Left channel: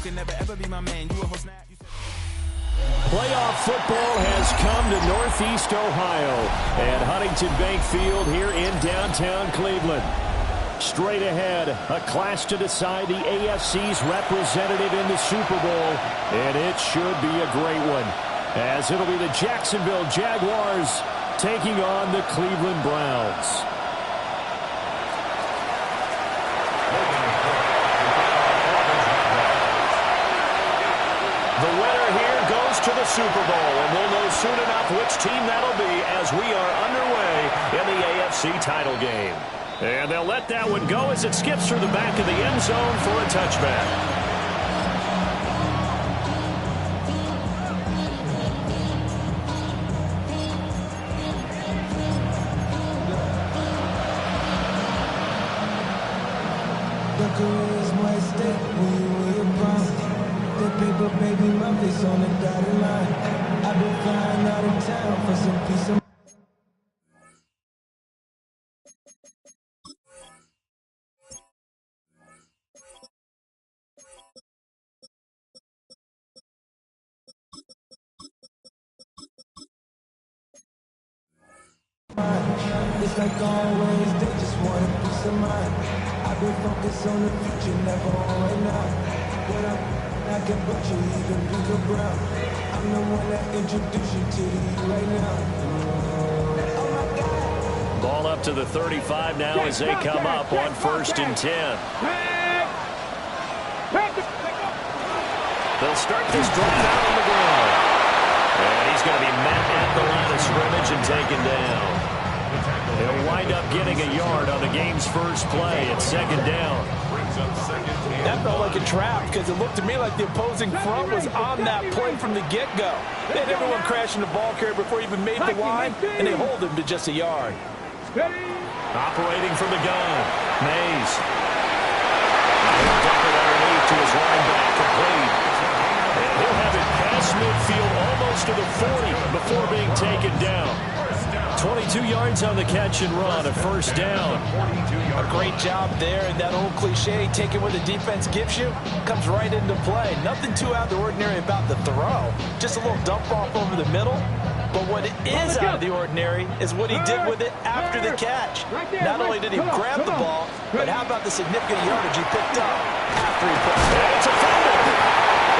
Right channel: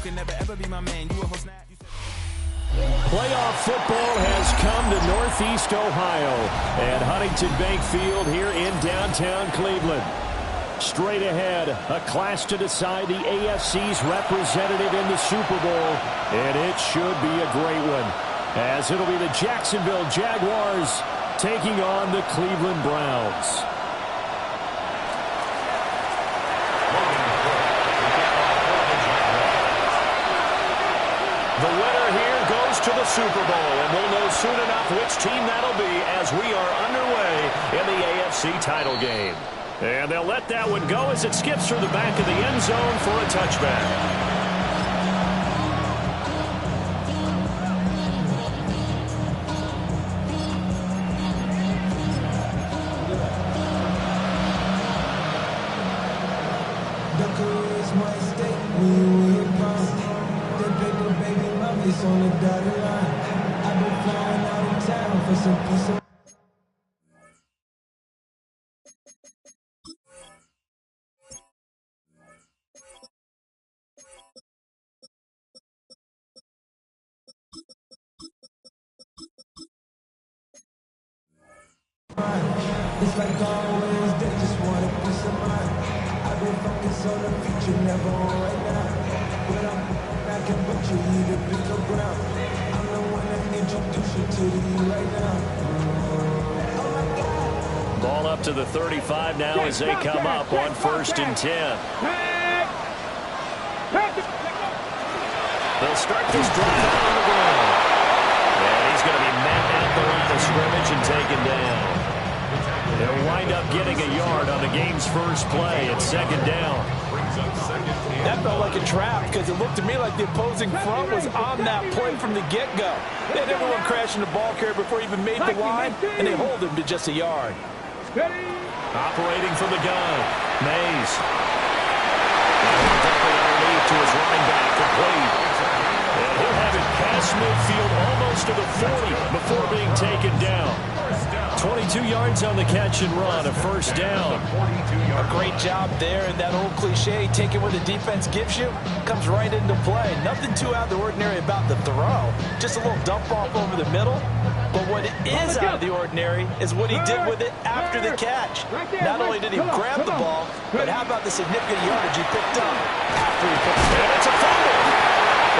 can never ever be my man. You a host now. Playoff football has come to Northeast Ohio at Huntington Bank Field here in downtown Cleveland. Straight ahead, a clash to decide the AFC's representative in the Super Bowl, and it should be a great one, as it'll be the Jacksonville Jaguars taking on the Cleveland Browns. The winner here goes to the Super Bowl, and we'll know soon enough which team that'll be as we are underway in the AFC title game. And they'll let that one go as it skips through the back of the end zone for a touchback. The career's my stake when you win your prime. That paper, baby, my face on the dotted line. I've been flying out of town for some peace of mind. It's like always, they just want a peace of mind. I've been focused on the future, never on right now. But I can butcher either pink or brown. I'm the one that introduced you to the you right now. Oh my God. Ball up to the 35 now as they come up on 1st and 10. They'll start this drive out on the ground. And he's going to be met at the line of scrimmage and taken down. He'll wind up getting a yard on the game's first play at 2nd down. That felt like a trap because it looked to me like the opposing front was on that play from the get-go. They had everyone crashing the ball carrier before he even made the line, and they hold him to just a yard. Operating from the gun, Mays. Dumping underneath to his running back, complete. And he'll have it past midfield almost to the 40 before being taken down. 22 yards on the catch and run, a 1st down. A great job there, and that old cliche, taking what the defense gives you, comes right into play. Nothing too out of the ordinary about the throw. Just a little dump off over the middle. But what is out of the ordinary is what he did with it after the catch. Not only did he grab the ball, but how about the significant yardage he picked up after he put it. And it's a fumble.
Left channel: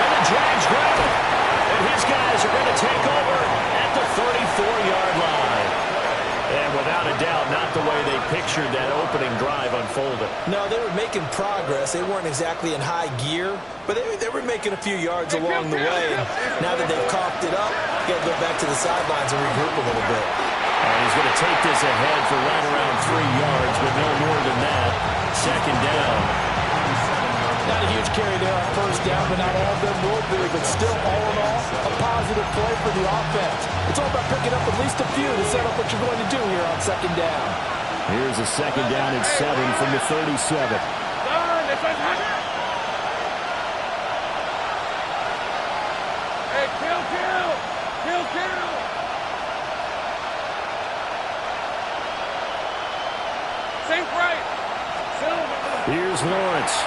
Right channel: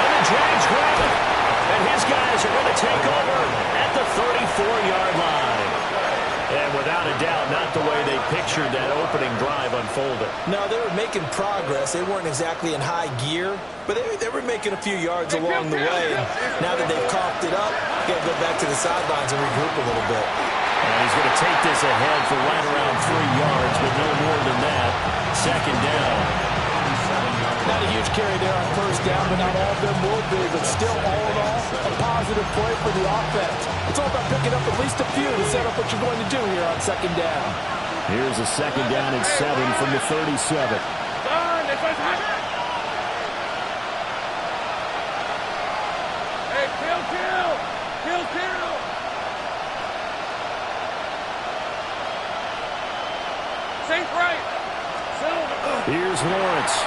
And the Jags grab it. And his guys are going to take over at the 34-yard line. And without a doubt, not the way they pictured that opening drive unfolded. No, they were making progress. They weren't exactly in high gear, but they were making a few yards along the way. And now that they've coughed it up, got to go back to the sidelines and regroup a little bit. And he's going to take this ahead for right around 3 yards, but no more than that. 2nd down. Not a huge carry there on 1st down, but not all of them will be. But still, all in all, a positive play for the offense. It's all about picking up at least a few to set up what you're going to do here on 2nd down. Here's a 2nd down and 7 from the 37. Hey, kill! Safe right. Here's Lawrence.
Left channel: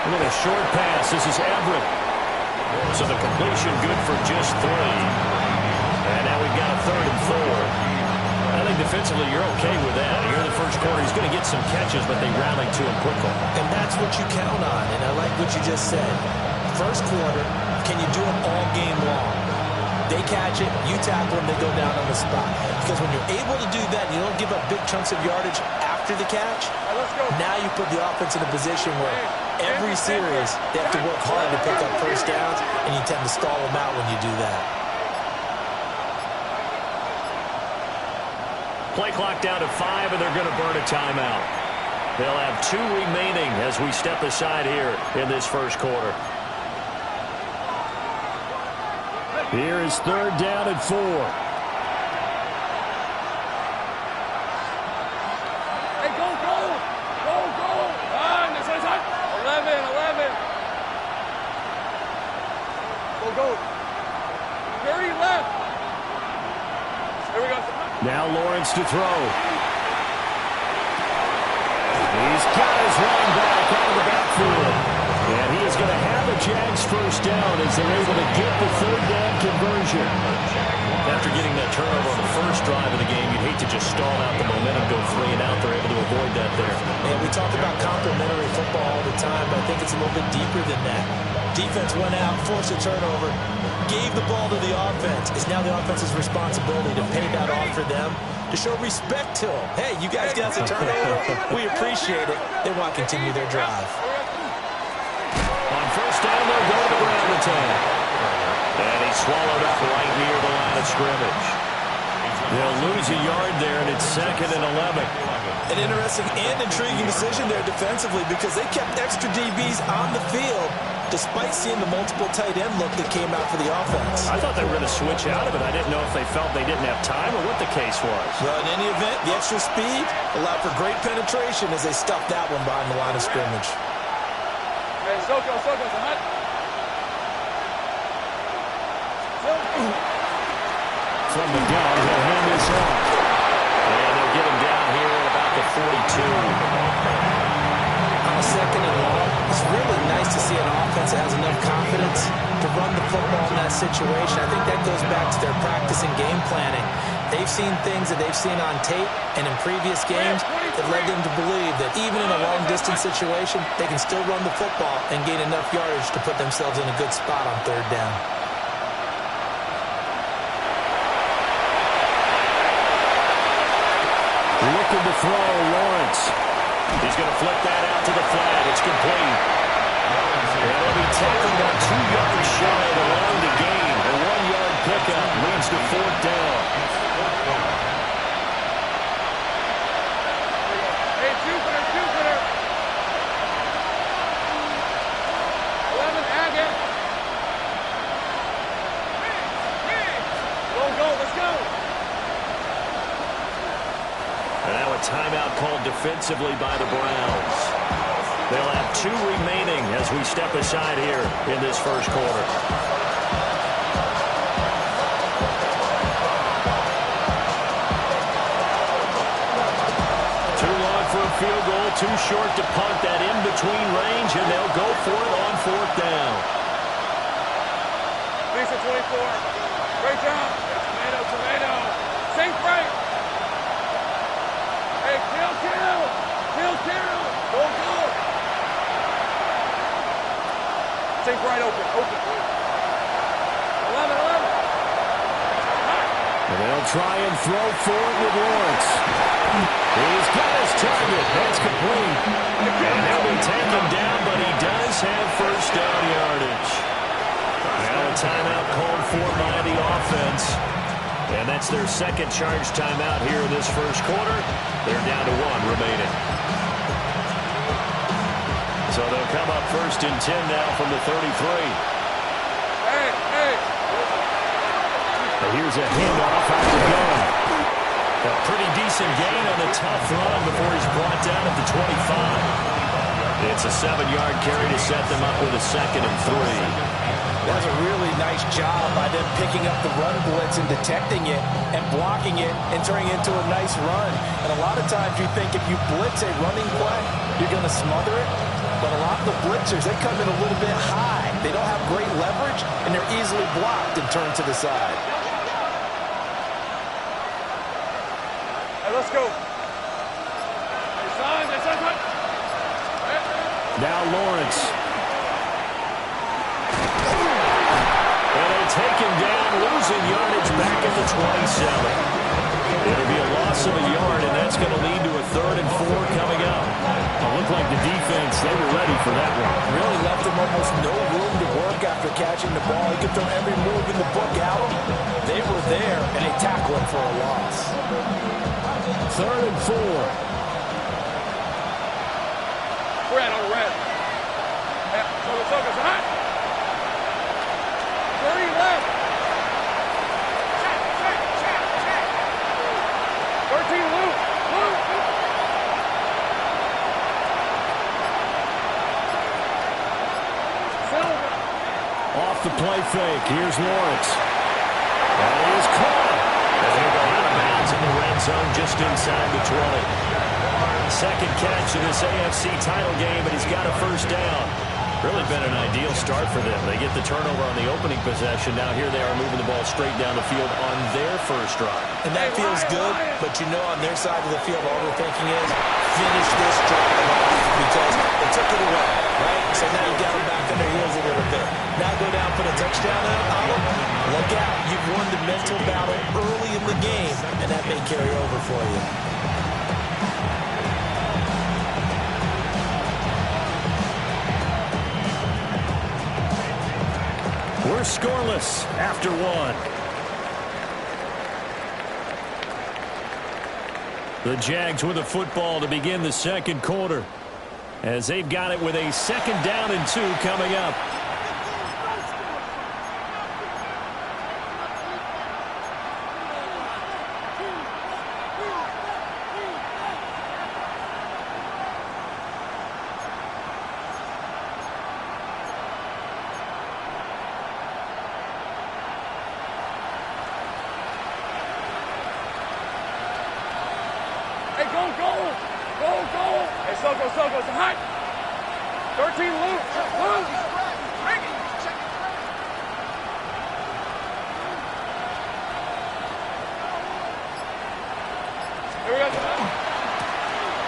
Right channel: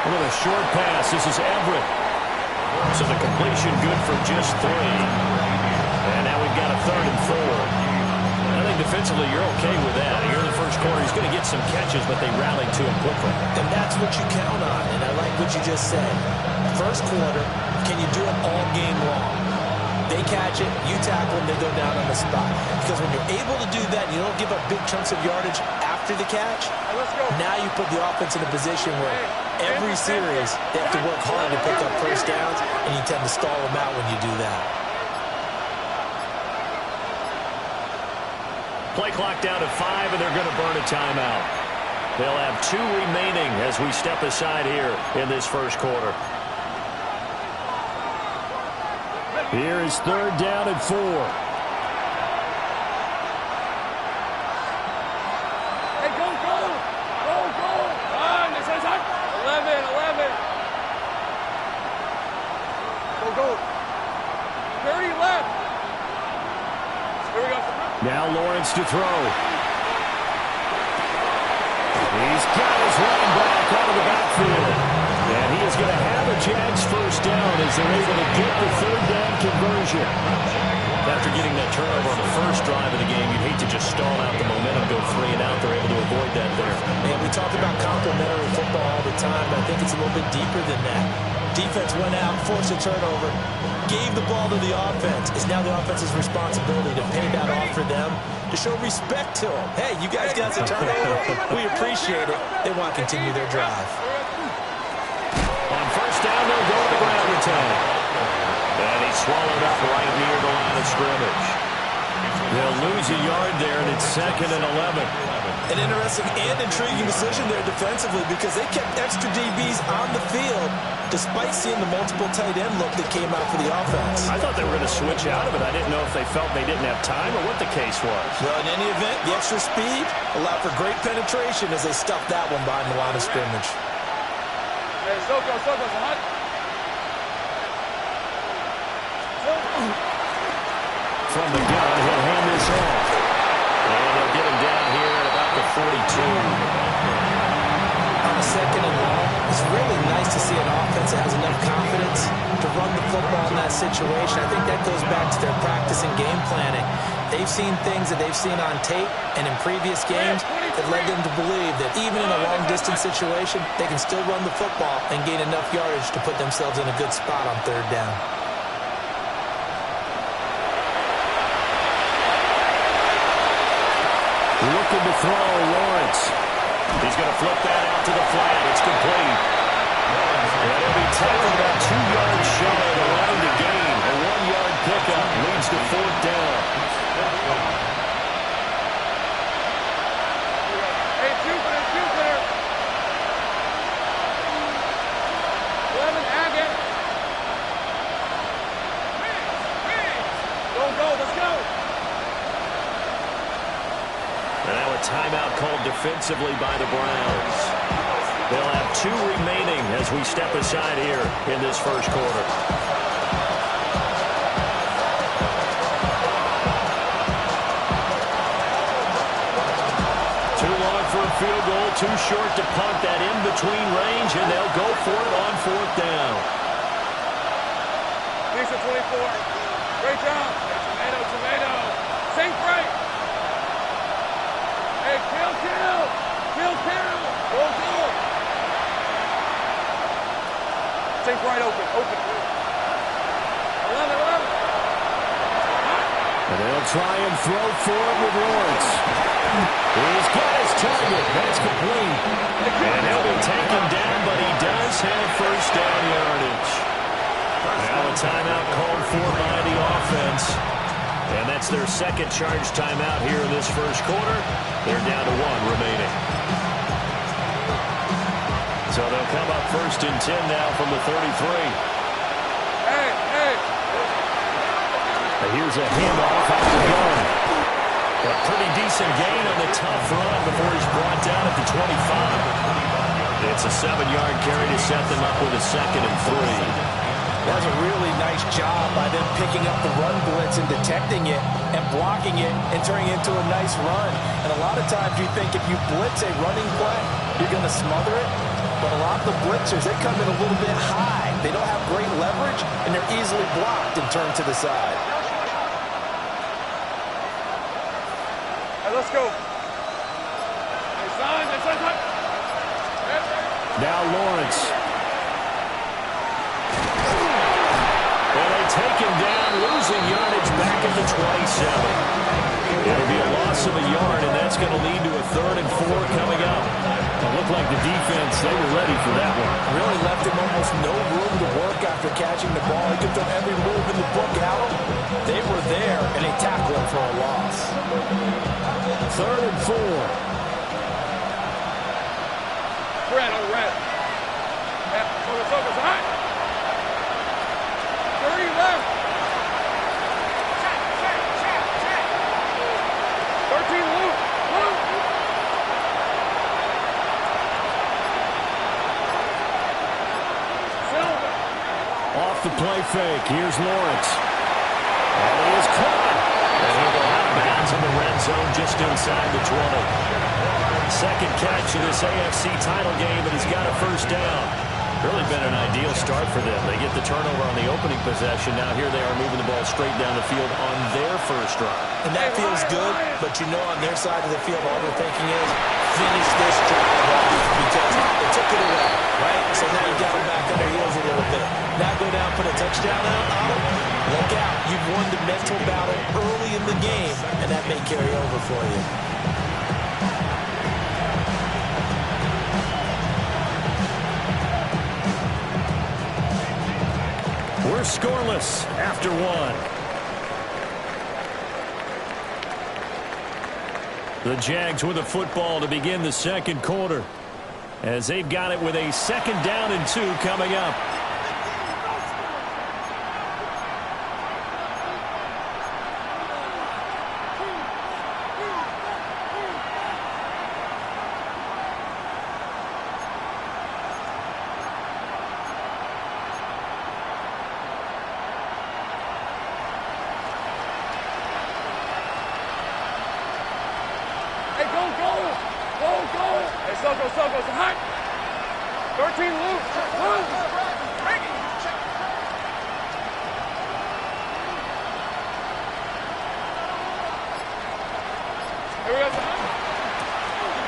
A little short pass. This is Everett. So the completion good for just 3. And now we've got a 3rd and 4. I think defensively you're okay with that. Here in the first quarter, he's going to get some catches, but they rallied to him quickly. And that's what you count on, and I like what you just said. First quarter, can you do it all game long? They catch it, you tackle them, they go down on the spot. Because when you're able to do that, you don't give up big chunks of yardage after the catch. Now you put the offense in a position where every series they have to work hard to pick up 1st downs, and you tend to stall them out when you do that. Play clock down to 5, and they're going to burn a timeout. They'll have 2 remaining as we step aside here in this first quarter. Here is 3rd down and 4. Hey, go! Run! 11. Go. 30 left. Here we go. Now Lawrence to throw. He's He's got his running back out of the backfield. And he is going to have a Jags first down as they're able to get the third down conversion. After getting that turnover on the first drive of the game, you'd hate to just stall out the momentum, go 3 and out. They're able to avoid that there. And we talk about complementary football all the time, but I think it's a little bit deeper than that. Defense went out, forced a turnover, gave the ball to the offense. It's now the offense's responsibility to pay that off for them, to show respect to them. Hey, you guys got the turnover. We appreciate it. They want to continue their drive. On first down, they'll go to the ground attack. And he's swallowed up right near the line of scrimmage. They'll lose a yard there, and it's 2nd and 11. An interesting and intriguing decision there defensively because they kept extra DBs on the field despite seeing the multiple tight end look that came out for the offense. I thought they were going to switch out of it. I didn't know if they felt they didn't have time or what the case was. Well, in any event, the extra speed allowed for great penetration as they stuffed that one behind the line of scrimmage. Hey, Soko, it's a hut. From the gun, he'll hand this off. And they'll get him down here at about the 42. On a 2nd and long, it's really nice to see an offense that has enough confidence to run the football in that situation. I think that goes back to their practice and game planning. They've seen things that they've seen on tape and in previous games that led them to believe that even in a long-distance situation, they can still run the football and gain enough yardage to put themselves in a good spot on 3rd down. Looking to throw, Lawrence. He's going to flip that out to the flat. It's complete. And he'll be tackled about 2 yards shy of the line to gain. A 1-yard pickup leads to 4th down. Hey, Jupiter. 11, Agate. Go, let's go. And now a timeout called defensively by the Browns. They'll have 2 remaining as we step aside here in this first quarter. Too long for a field goal, too short to punt that in between range, and they'll go for it on 4th down. Lisa 24. Great job. Hey, tomato. Sink right. Hey, kill. Go. Sink right open. 11. And they'll try and throw for it with Lawrence. He's got his target. That's complete. And he'll be taken down, but he does have first down yardage. Now a timeout called for by the offense. And that's their 2nd charge timeout here in this first quarter. They're down to 1 remaining. So they'll come up 1st and 10 now from the 33. Hey. And here's a handoff out of the gun. A pretty decent gain on the tough run before he's brought down at the 25. It's a 7-yard carry to set them up with a 2nd and 3. That was a really nice job by them picking up the run blitz and detecting it and blocking it and turning it into a nice run. And a lot of times you think if you blitz a running play, you're going to smother it. But a lot of the blitzers, they come in a little bit high. They don't have great leverage, and they're easily blocked and turned to the side. Hey, let's go. Hey, son. Now Lawrence. And they take him down, losing yardage back at the 27. It'll be a loss of a yard, and that's going to lead to a 3rd and 4 coming up. It looked like the defense, they were ready for that one. Really left him almost no room to work after catching the ball. He could throw every move in the book at him. They were there, and they tackled him for a loss. 3rd and 4. Red. Yeah, Soka's hot. 30 left. Check. 13 loop. Silva. Off the play fake. Here's Lawrence. And he is caught. And he'll go out of bounds in the red zone just inside the 20. Second catch of this AFC title game, and he's got a first down. Really been an ideal start for them. They get the turnover on the opening possession. Now here they are moving the ball straight down the field on their first drive. And that feels good, but you know on their side of the field all they're thinking is finish this drive off because they took it away, right? So now you got them back on their heels a little bit. Now go down, put a touchdown on them. Look out. You've won the mental battle early in the game, and that may carry over for you. We're scoreless after one. The Jags with the football to begin the second quarter, as they've got it with a second down and 2 coming up. Hey, Soko, it's hot. 13 loose. Here we go.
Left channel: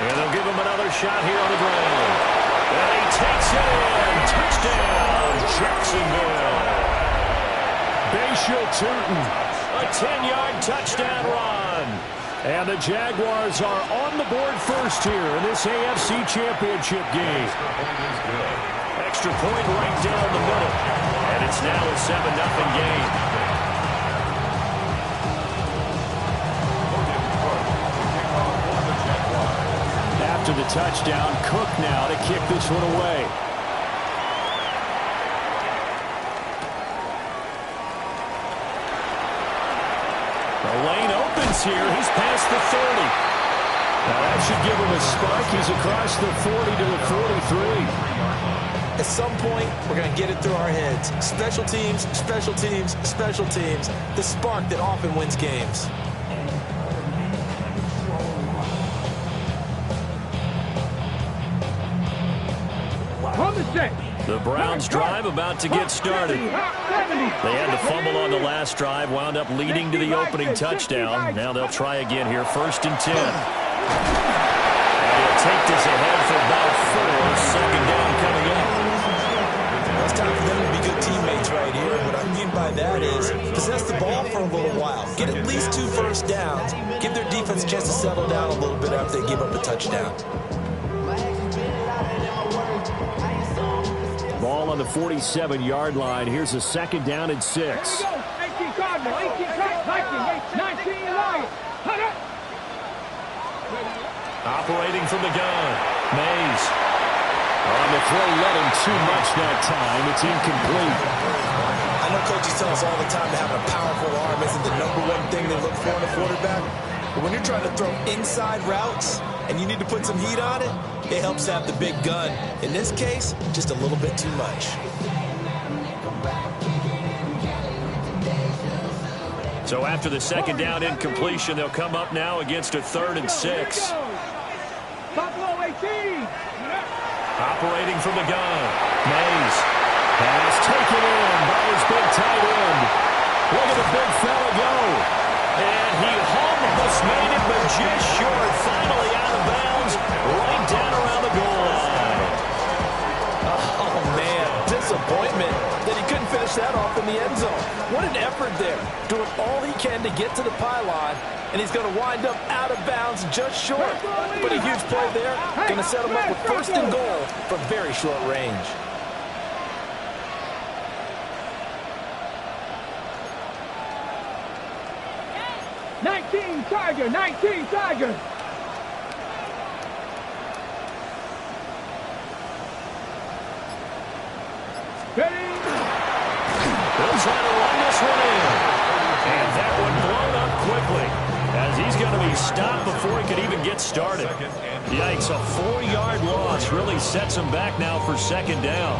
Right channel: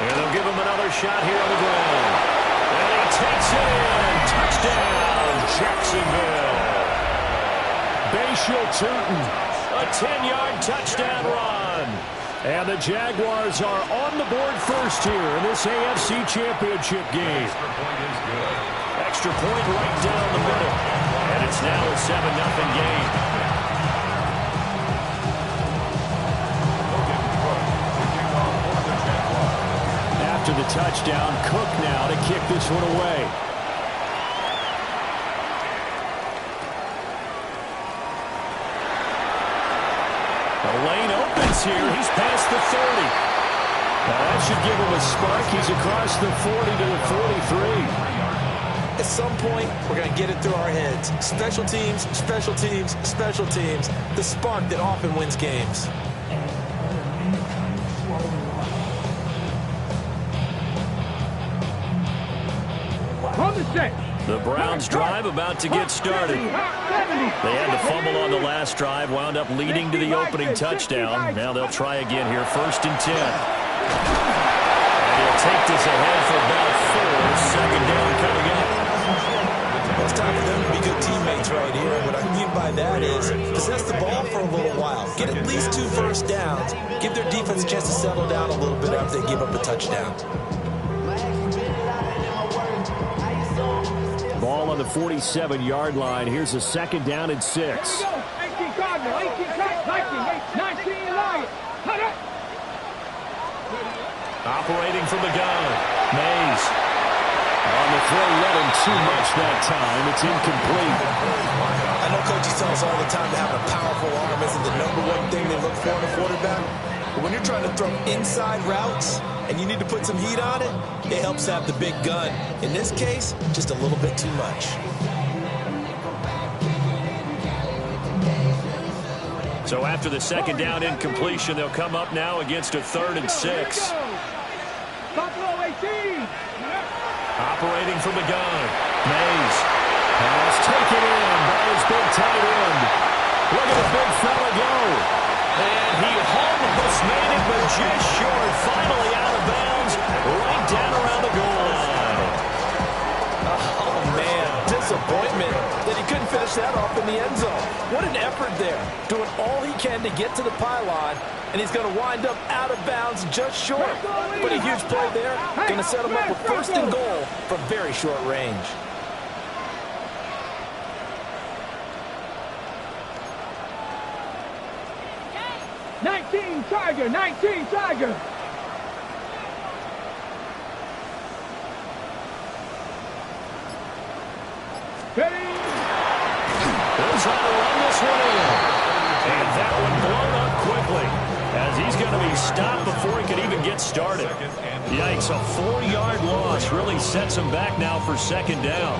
And they'll give him another shot here on the ground. And he takes it in. Touchdown, Jacksonville. Bashal Tootin, a 10-yard touchdown run. And the Jaguars are on the board first here in this AFC Championship game. Extra point right down the middle. And it's now a 7-0 game. After the touchdown, Cook now to kick this one away. The lane opens here. He's past the 30. Now that should give him a spark. He's across the 40 to the 43. At some point, we're going to get it through our heads. Special teams, special teams, special teams. The spark that often wins games. The Browns drive about to get started. They had the fumble on the last drive, wound up leading to the opening touchdown. Now they'll try again here, 1st and 10. And he'll take this ahead for about 4. Second down coming up. Well, it's time for them to be good teammates right here. What I mean by that is possess the ball for a little while. Get at least 2 first downs. Give their defense a chance to settle down a little bit after they give up a touchdown. Ball on the 47-yard line. Here's a second down and 6. 18 Cardinal, 18 Viking, 19 Lion. Operating from the gun. Mays. On the throw, let him too much that time. It's incomplete. I know coaches tell us all the time that having a powerful arm isn't the #1 thing they look for in a quarterback. But when you're trying to throw inside routes and you need to put some heat on it, it helps have the big gun. In this case, just a little bit too much. So after the second down incompletion, they'll come up now against a 3rd and 6. Buffalo 18. Operating from the gun. Mays has taken in by his big tight end. Look at the big fella go. And he almost made it, but just short. Finally out of bounds, right down around the goal line. Oh, man, disappointment that he couldn't finish that off in the end zone. What an effort there, doing all he can to get to the pylon, and he's going to wind up out of bounds just short. But a huge play there, going to set him up with 1st and goal from very short range. Tiger, 19 Tiger. Ready? He'll try to run this one in. And that one blown up quickly, as he's going to be stopped before he could even get started. Yikes, a 4-yard loss really sets him back now for second down.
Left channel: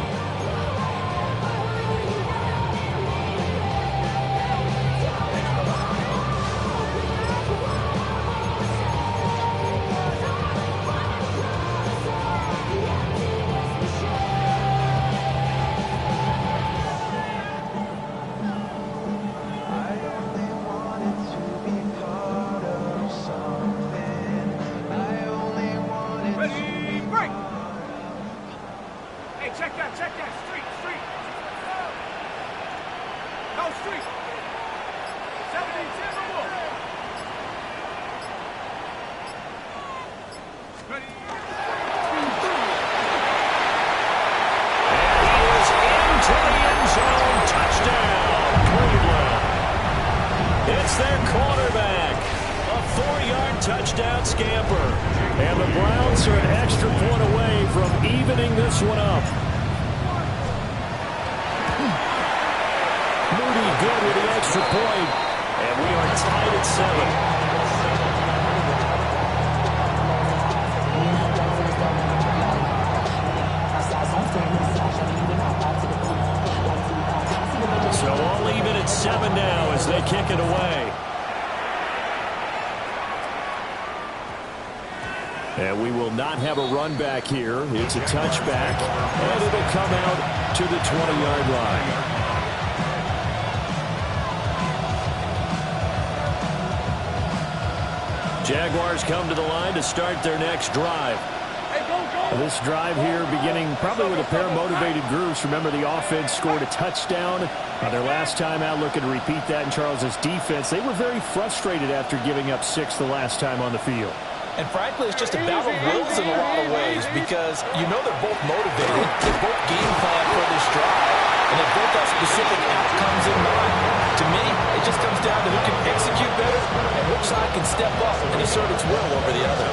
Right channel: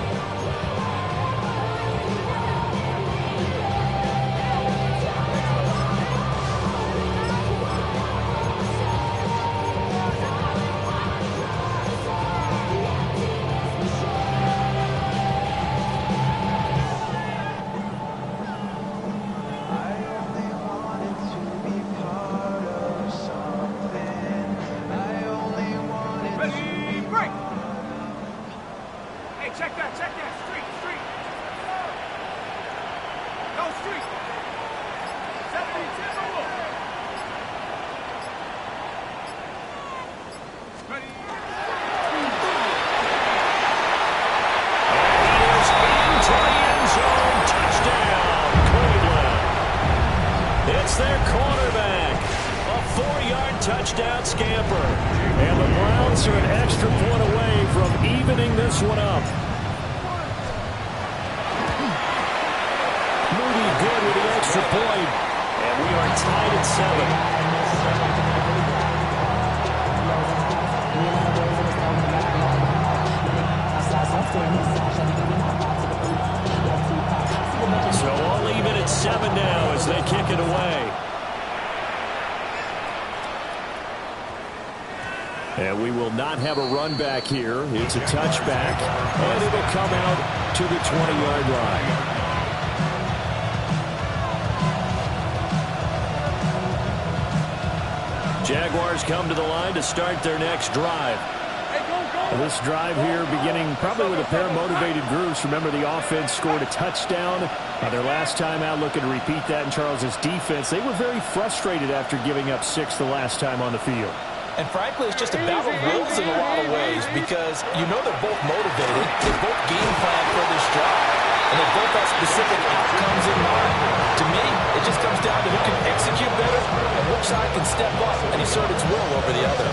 Hey, check that. Street. Go street. 70, Timberwolf. Ready. And he is into the end zone. Touchdown, Cleveland. It's their quarterback. A 4-yard touchdown scamper. And the Browns are an extra point away from evening this one up. Moody good with the extra point. And we are tied at 7. So all even at 7 now as they kick it away. And we will not have a run back here. It's a touchback, and it'll come out to the 20-yard line. Jaguars come to the line to start their next drive. This drive here beginning probably with a pair of motivated groups. Remember, the offense scored a touchdown on their last time out, looking to repeat that in Charles's defense. They were very frustrated after giving up 6 the last time on the field. And frankly, it's just a battle of wills in a lot of ways because you know they're both motivated. They both game plan for this drive, and they both have specific outcomes in mind. To me, it just comes down to who can execute better and which side can step up and assert its will over the other.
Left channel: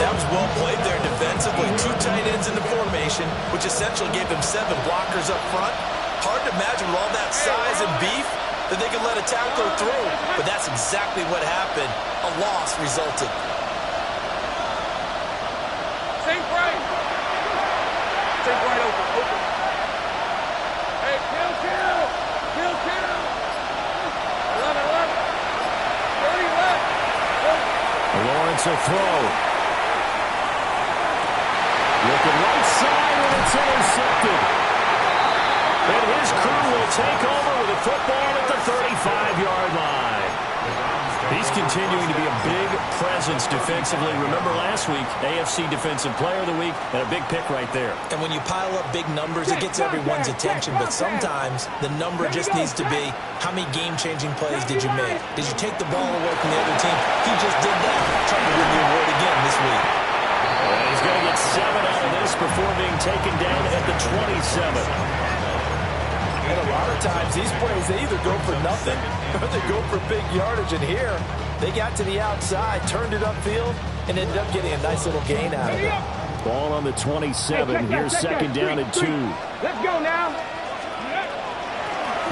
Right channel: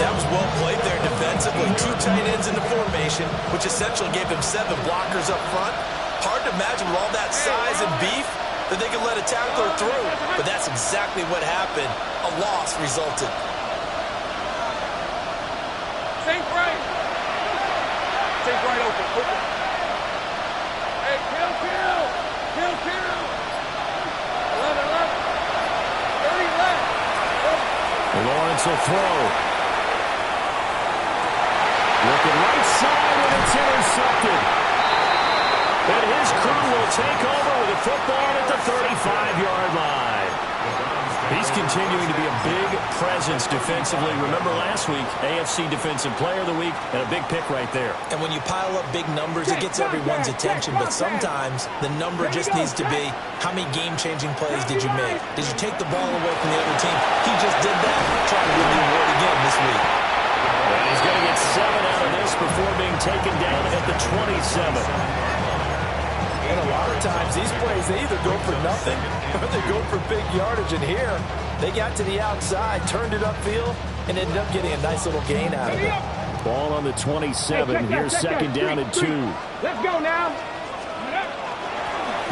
That was well played there defensively. 2 tight ends in the formation, which essentially gave them 7 blockers up front. Hard to imagine with all that size and beef that they could let a tackler through, but that's exactly what happened. A loss resulted. Sink right. Sink right open. Hey, kill. 11. 30 left. Lawrence will throw. Looking right side, and it's intercepted. And his crew will take over with a football at the 35-yard line. He's continuing to be a big presence defensively. Remember last week, AFC Defensive Player of the Week, and a big pick right there. And when you pile up big numbers, it gets everyone's attention. But sometimes the number just needs to be, how many game-changing plays did you make? Did you take the ball away from the other team? He just did that, trying to win the award again this week. And he's going to get 7 out of this before being taken down at the 27. And a lot of times, these plays, they either go for nothing or they go for big yardage. And here, they got to the outside, turned it upfield, and ended up getting a nice little gain out of it. Ball on the 27. Here's second down and 2. Let's go now.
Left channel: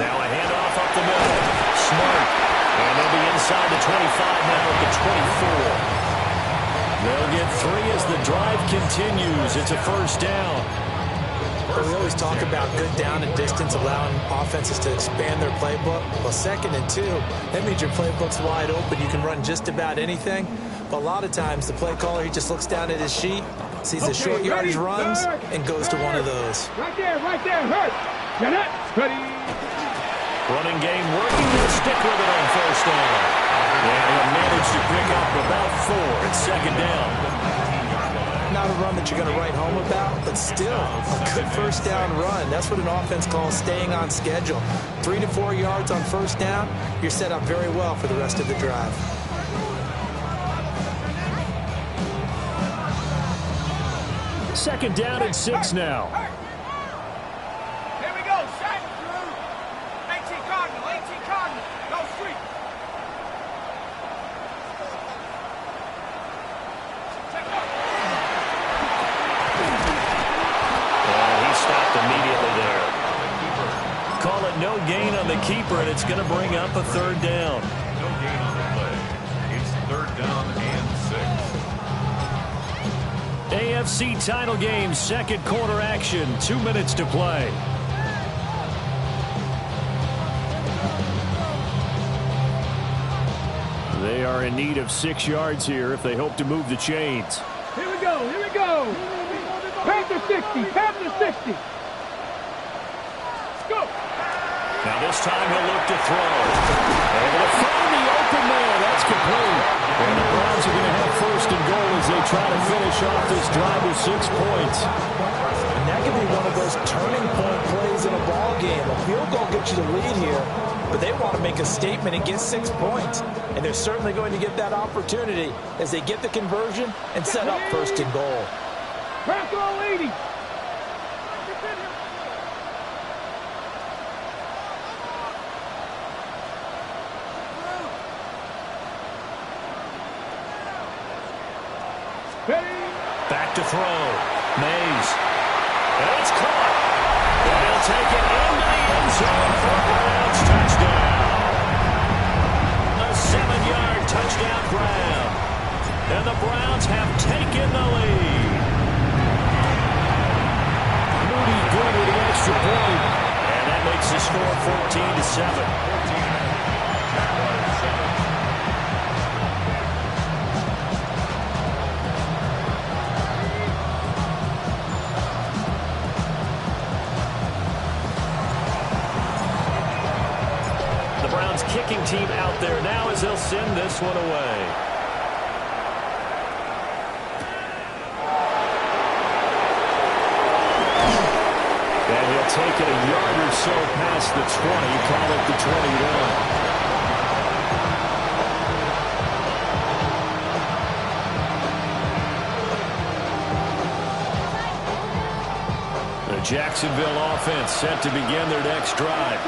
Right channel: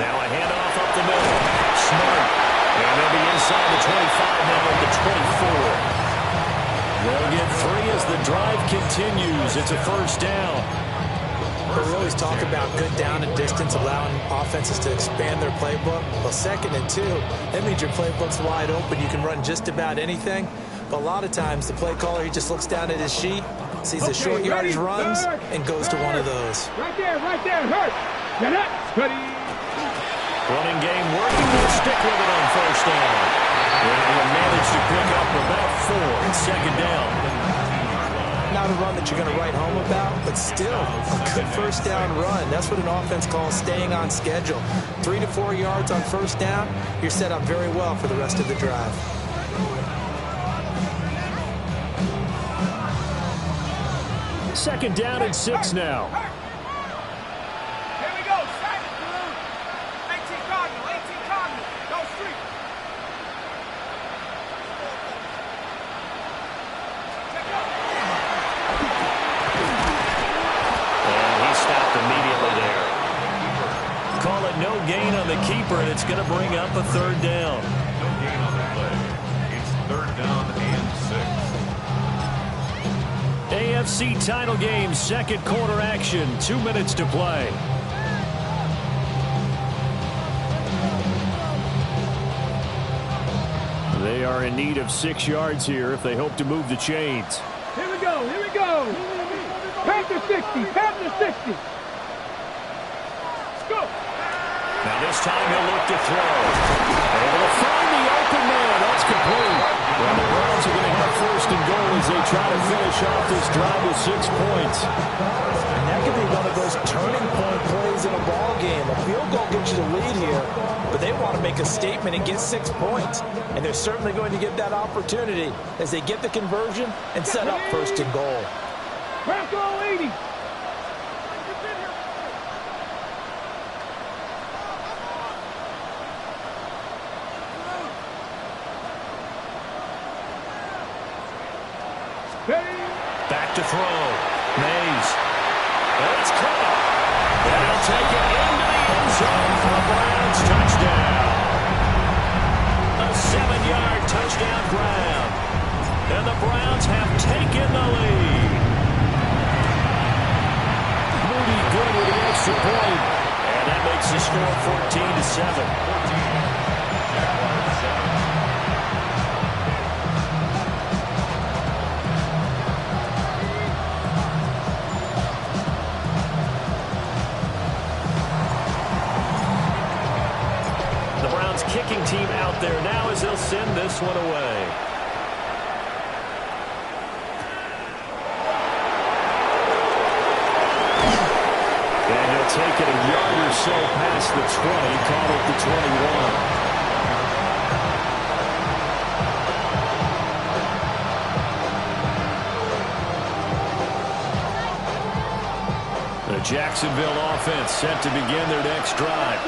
Now a handoff up the middle. Smart. And they'll be inside the 25 now at the 24. They'll get 3 as the drive continues. It's a first down. We always talk about good down and distance, allowing offenses to expand their playbook. Well, 2nd and 2, that means your playbook's wide open. You can run just about anything. But a lot of times, the play caller, he just looks down at his sheet, sees the short yardage runs, and goes to one of those. Right there, hurt. Now that's ready. Running game working. Will stick with it on first down. And he'll manage to pick up about 4. It's second down. Not a run that you're going to write home about, but still a good first down run. That's what an offense calls staying on schedule. 3 to 4 yards on first down, you're set up very well for the rest of the drive. Second down and 6 now. Here we go. Silent blue. 18 Cardinal. Go street. Check up. And he stopped immediately there. Call it no gain on the keeper, and it's going to bring up a third down. No gain on the play. It's 3rd down and 6. AFC title game, second quarter action. 2 minutes to play. They are in need of 6 yards here if they hope to move the chains. Here we go. Panther 60. Let's go. Now this time he'll look to throw. Able to find the open man. That's complete. And the Browns are going to have 1st and goal as they try to finish off this drive with 6 points. And that could be one of those turning point plays in a ball game. A field goal gets you the lead here, but they want to make a statement and get 6 points. And they're certainly going to get that opportunity as they get the conversion and set up first and goal. Bronco 80. Back to throw. Mays. And it's caught. And he'll take it into the end zone for a Browns touchdown. A 7-yard touchdown grab. And the Browns have taken the lead. Moody good with the extra point. And that makes the score 14-7. 14. Jaguars 7. The Browns kicking team out there now as they'll send this one away. And he'll take it a yard or so past the 20, call it the 21. The Jacksonville offense set to begin their next drive.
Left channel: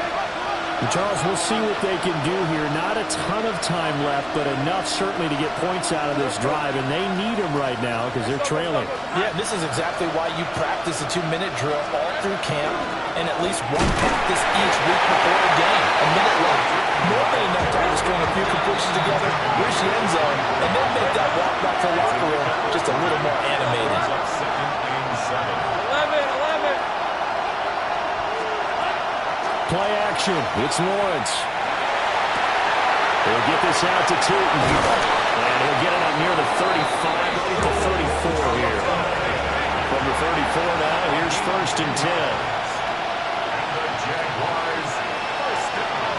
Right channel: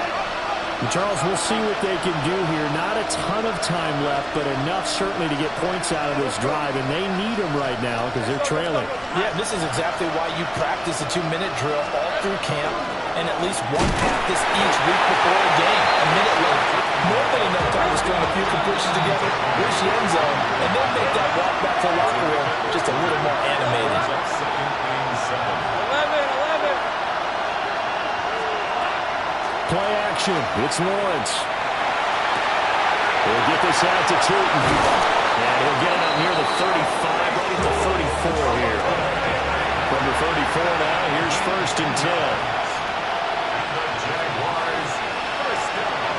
Charles, we'll see what they can do here. Not a ton of time left, but enough certainly to get points out of this drive, and they need them right now because they're trailing. Yeah, this is exactly why you practice a 2-minute drill all through camp and at least one practice each week before a game. A minute left. More than enough time to string a few completions together, reach the end zone, and then make that walk back to the locker room just a little more animated. 11. Play action. It's Lawrence. He'll get this out to Tootin. And he'll get it up near the 35, right at the 34 here. From the 34 now, here's first and 10. And the Jaguars first down.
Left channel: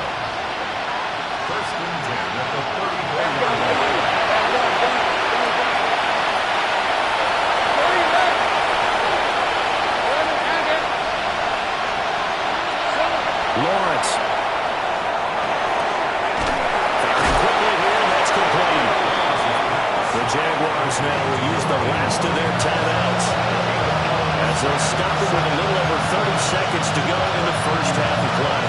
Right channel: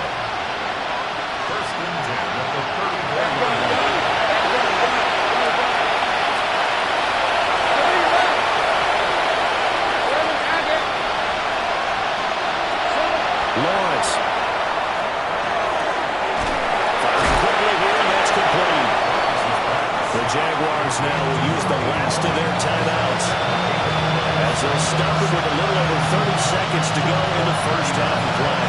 First and 10 at the 34-yard line. Lawrence. Firing quickly here, and that's complete. The Jaguars now will use the last of their timeouts as they'll stop it with a little over 30 seconds to go in the first half of play.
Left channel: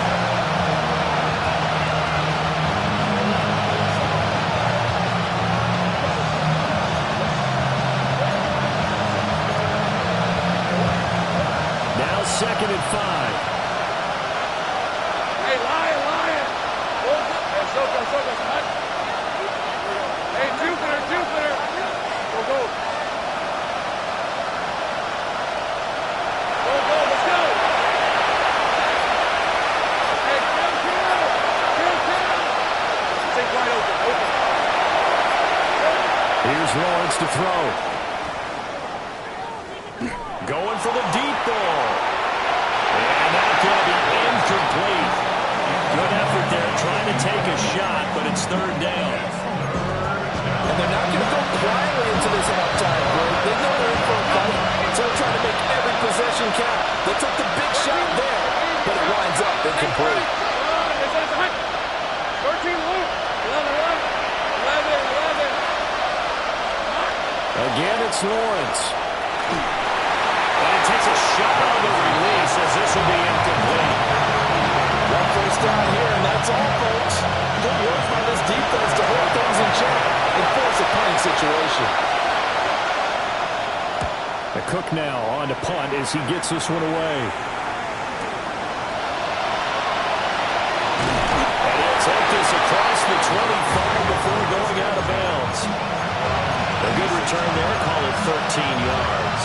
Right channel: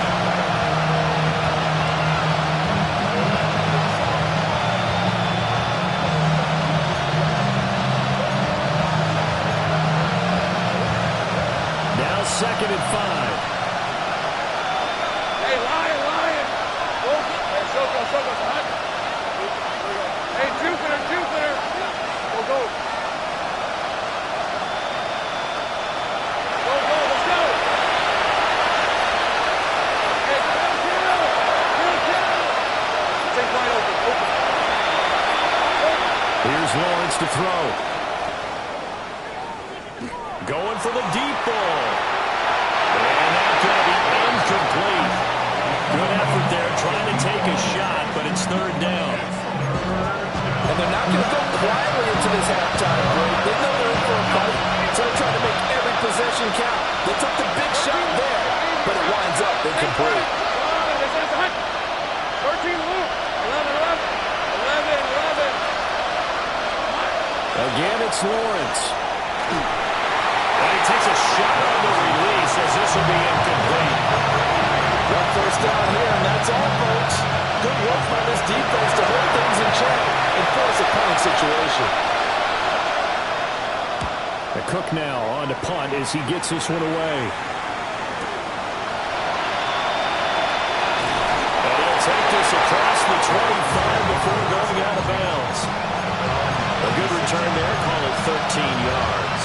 Now 2nd and 5. Hey, Lion. Hey, Soko, hunt. Hey, Jupiter. Go. Go, let's go. Hey, kill. Take wide open. Here's Lawrence to throw. Going for the deep ball. And that's going to be incomplete. Good effort there, trying to take a shot, but it's 3rd down. And they're not going to go quietly into this halftime break. They know they're in for a fight, so they're trying to make every possession count. They took the big shot there, but it winds up incomplete. 13, Luke. 11. Again, it's Lawrence. And he takes a shot on the release as this will be incomplete. One first down here, and that's all, folks. Good work by this defense to hold things in check and force a punting situation. The Cook now on to punt as he gets this one away. And he'll take this across the 25 before going out of bounds. A good return there, call it 13 yards.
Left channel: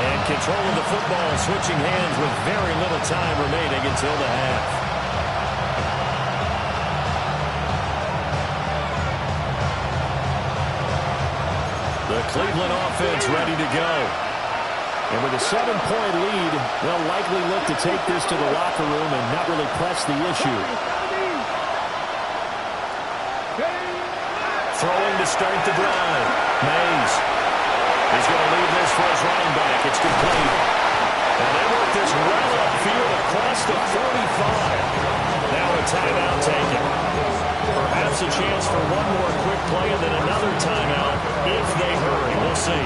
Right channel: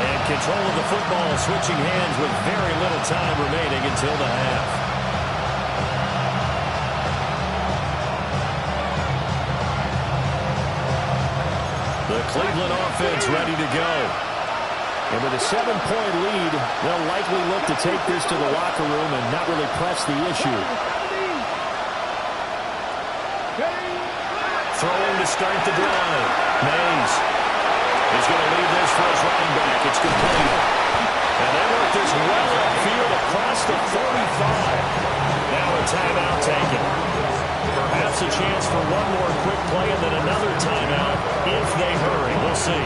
And control of the football switching hands with very little time remaining until the half. The Cleveland offense ready to go. And with a 7-point lead, they'll likely look to take this to the locker room and not really press the issue. Throwing to start the drive. Mays. He's going to leave this for his running back. It's complete. And they work this well upfield across the 45. Now a timeout taken. Perhaps a chance for one more quick play and then another timeout if they hurry. We'll see.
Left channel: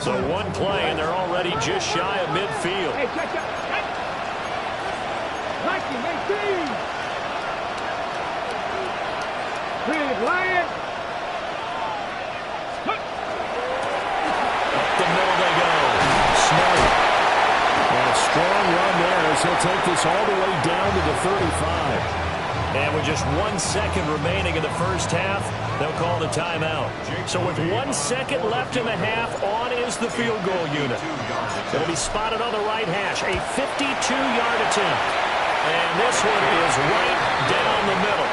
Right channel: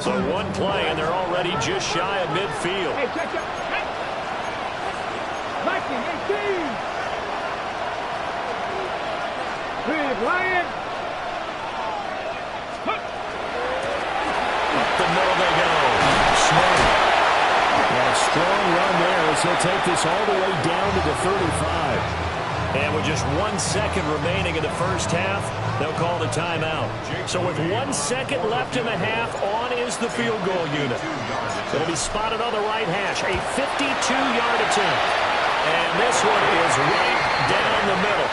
So one play, and they're already just shy of midfield. Hey, check. Viking 18. Big Lion. Up the middle they go. Smart. And a strong run there as he'll take this all the way down to the 35. And with just 1 second remaining in the first half, they'll call the timeout. So with 1 second left in the half, on is the field goal unit. It'll be spotted on the right hash, a 52-yard attempt. And this one is right down the middle.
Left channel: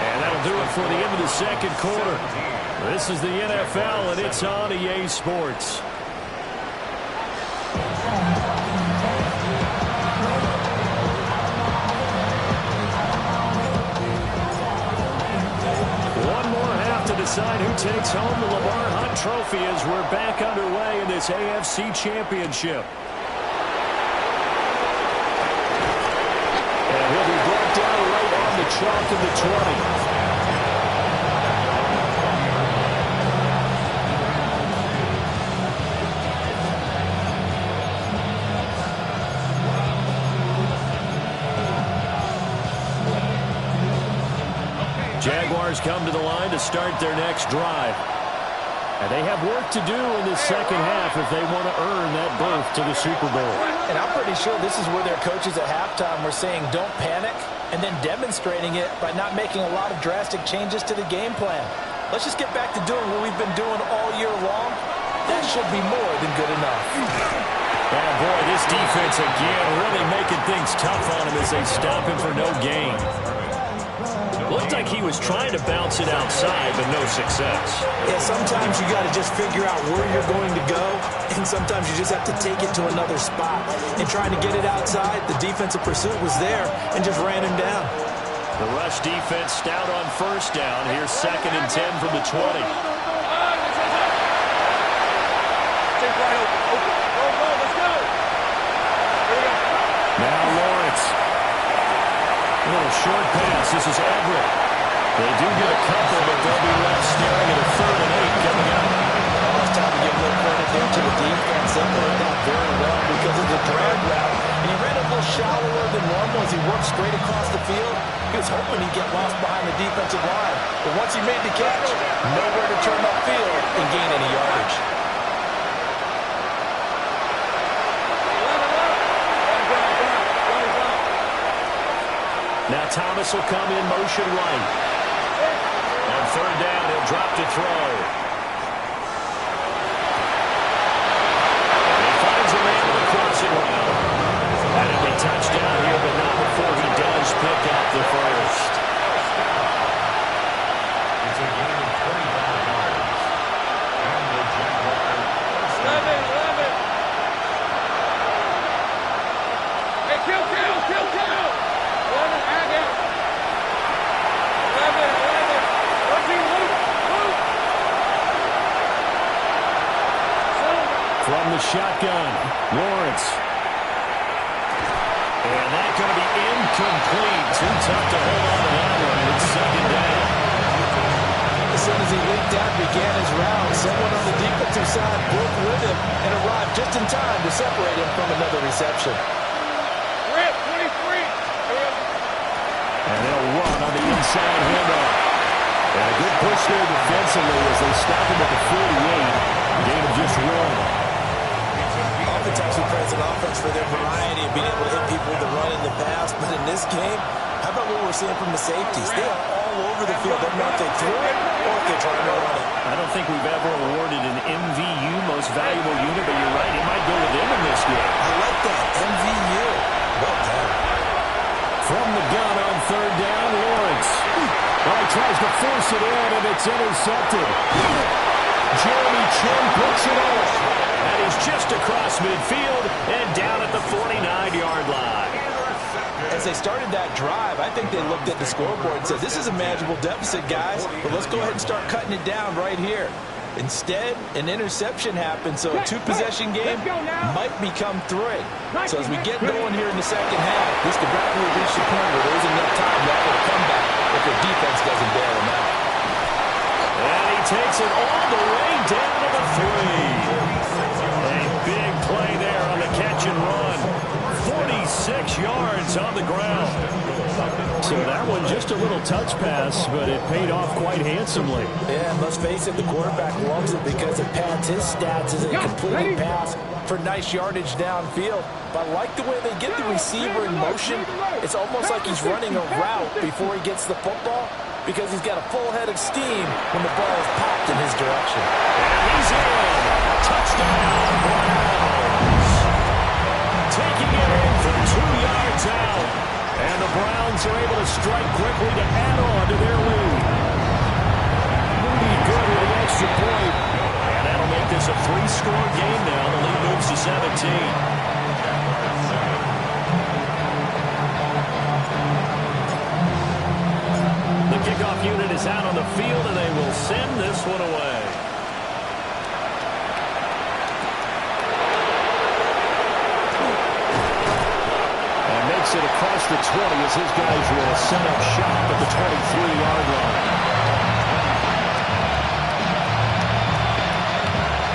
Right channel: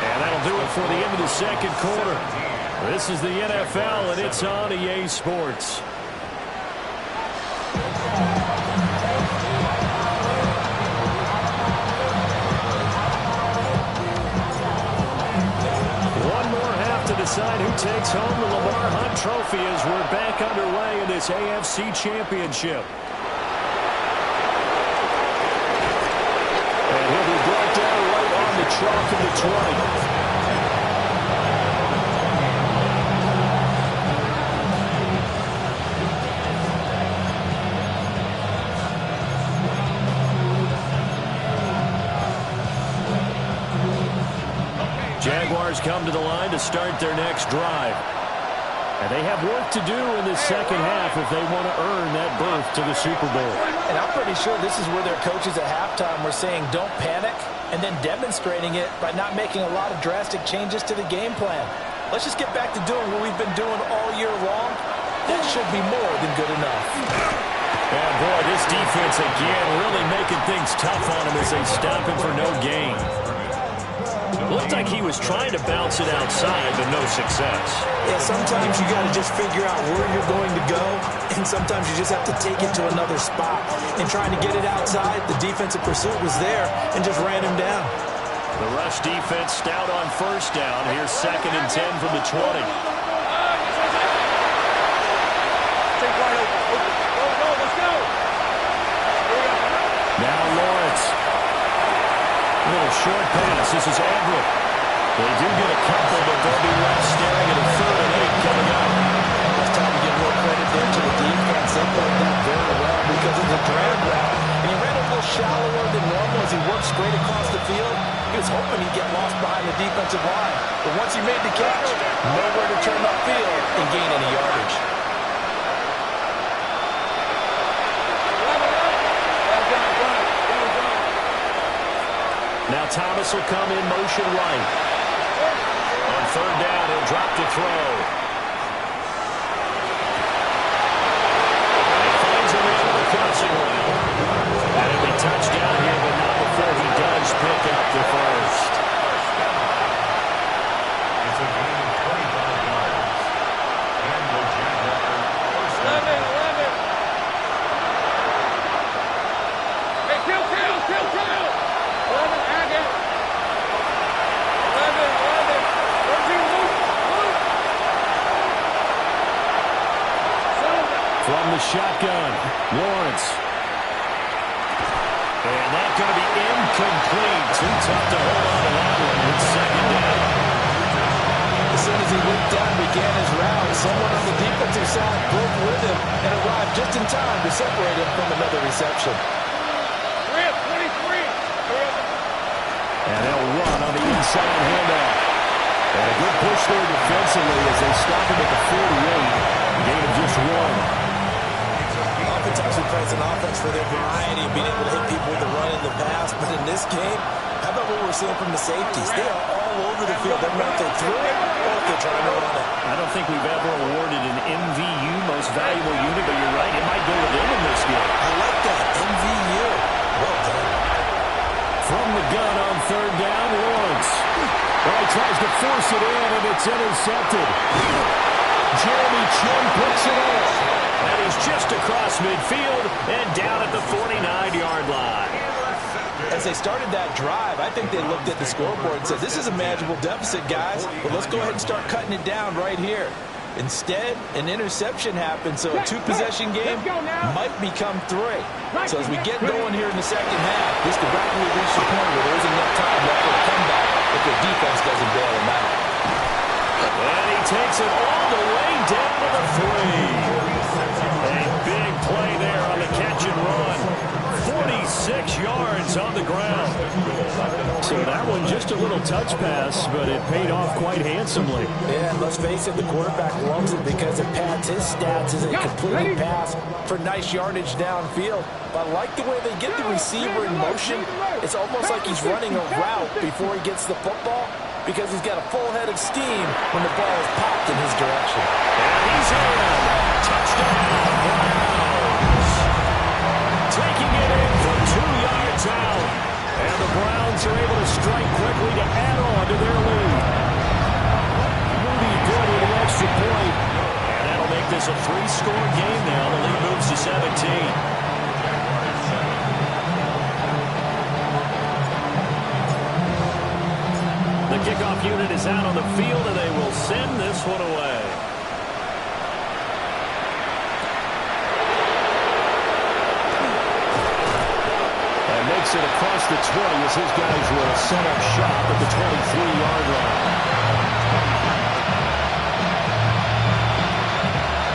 And that'll do it for the end of the second quarter. This is the NFL, and it's on EA Sports. One more half to decide who takes home the Lamar Hunt Trophy as we're back underway in this AFC Championship. And he'll be brought down right on the chalk of the 20. Jaguars come to the line to start their next drive. And they have work to do in this second half if they want to earn that berth to the Super Bowl. And I'm pretty sure this is where their coaches at halftime were saying don't panic, and then demonstrating it by not making a lot of drastic changes to the game plan. Let's just get back to doing what we've been doing all year long. That should be more than good enough. And boy, this defense again really making things tough on him as they stop him for no gain. Looked like he was trying to bounce it outside, but no success. Yeah, sometimes you got to just figure out where you're going to go, and sometimes you just have to take it to another spot. And trying to get it outside, the defensive pursuit was there and just ran him down. The rush defense stout on first down. Here's 2nd and 10 from the 20. Take wide open. Go, let's go. Here we go. Now Lawrence. A little short pass. This is Everett. They do get a couple, but they'll be left staring at a 3rd and 8 coming up. Oh, it's time to give a little credit there to the defense. They played that very well because of the drag route. And he ran a little shallower than normal as he worked straight across the field. He was hoping he'd get lost behind the defensive line. But once he made the catch, nowhere to turn upfield and gain any yardage. Now Thomas will come in motion right. On 3rd down, he'll drop to throw. And he finds a man with a crossing route. And it'll be touchdown here, but not before he does pick up the first. It's a gain of 25 yards. And the Jaguars first down. 11. Hey, kill. 11, Agate. 11. 13, Luke. From the shotgun, Lawrence. And that's going to be incomplete. Too tough to hold on to that one. It's 2nd down. As soon as he leaped out and began his route, someone on the defensive side broke with him and arrived just in time to separate him from another reception. Rip, 23. And they'll run on the inside handoff. And a good push there defensively as they stop him at the 48. Gain of just 1. Oftentimes we praise an offense for their variety of being able to hit people with the run in the pass. But in this game, how about what we're seeing from the safeties? They are all over the field. They don't know if they threw it or if they're trying to run it. I don't think we've ever awarded an MVU, most valuable unit, but you're right, it might go to them in this game. I like that, MVU. Well done. From the gun on 3rd down, Lawrence. Well, he tries to force it in, and it's intercepted. Jeremy Chin picks it up. And he's just across midfield and down at the 49-yard line. As they started that drive, I think they looked at the scoreboard and said, this is a manageable deficit, guys, but let's go ahead and start cutting it down right here. Instead, an interception happened, so a two-possession game might become 3. So as we get going here in the second half, this could rapidly reach the point where there isn't enough time left for a comeback if their defense doesn't bail them out. And he takes it all the way down to the 3. A big play there on the catch and run. 46 yards on the ground. So that one just a little touch pass, but it paid off quite handsomely. Yeah, and let's face it, the quarterback loves it because it pads his stats as a completed pass for nice yardage downfield. But I like the way they get the receiver in motion. It's almost like he's running a route before he gets the football because he's got a full head of steam when the ball is popped in his direction. And he's in. Touchdown, Browns. Taking it in for 2 yards out. And the Browns are able to strike quickly to add on to their lead. Moody good with the extra point. And that'll make this a 3-score game now. The lead moves to 17. The kickoff unit is out on the field, and they will send this one away. And makes it across the 20 as his guys will set up shop at the 23-yard line.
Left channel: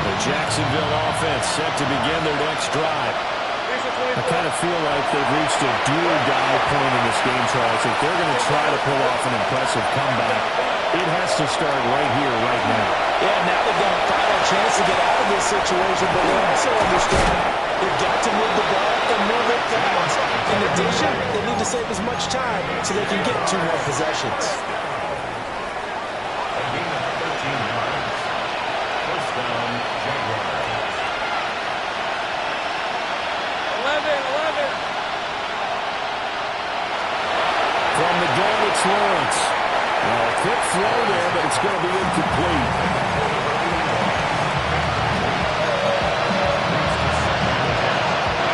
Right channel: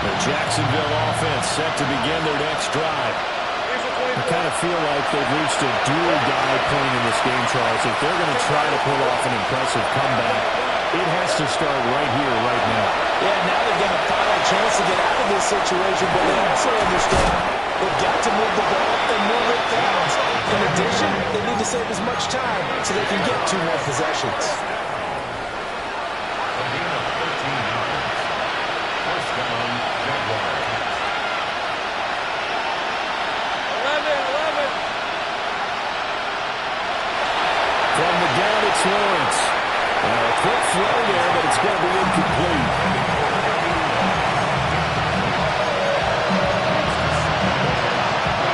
The Jacksonville offense set to begin their next drive. I kind of feel like they've reached a do-or-die point in this game, Charles. If they're going to try to pull off an impressive comeback, it has to start right here, right now. Yeah, now they've got a final chance to get out of this situation, but they also understand they've got to move the ball and move it fast. In addition, they need to save as much time so they can get 2 more possessions. A gain of 13 yards. First down, Jaguars. 11. From the gun, it's Lawrence. A quick throw there, but it's going to be incomplete.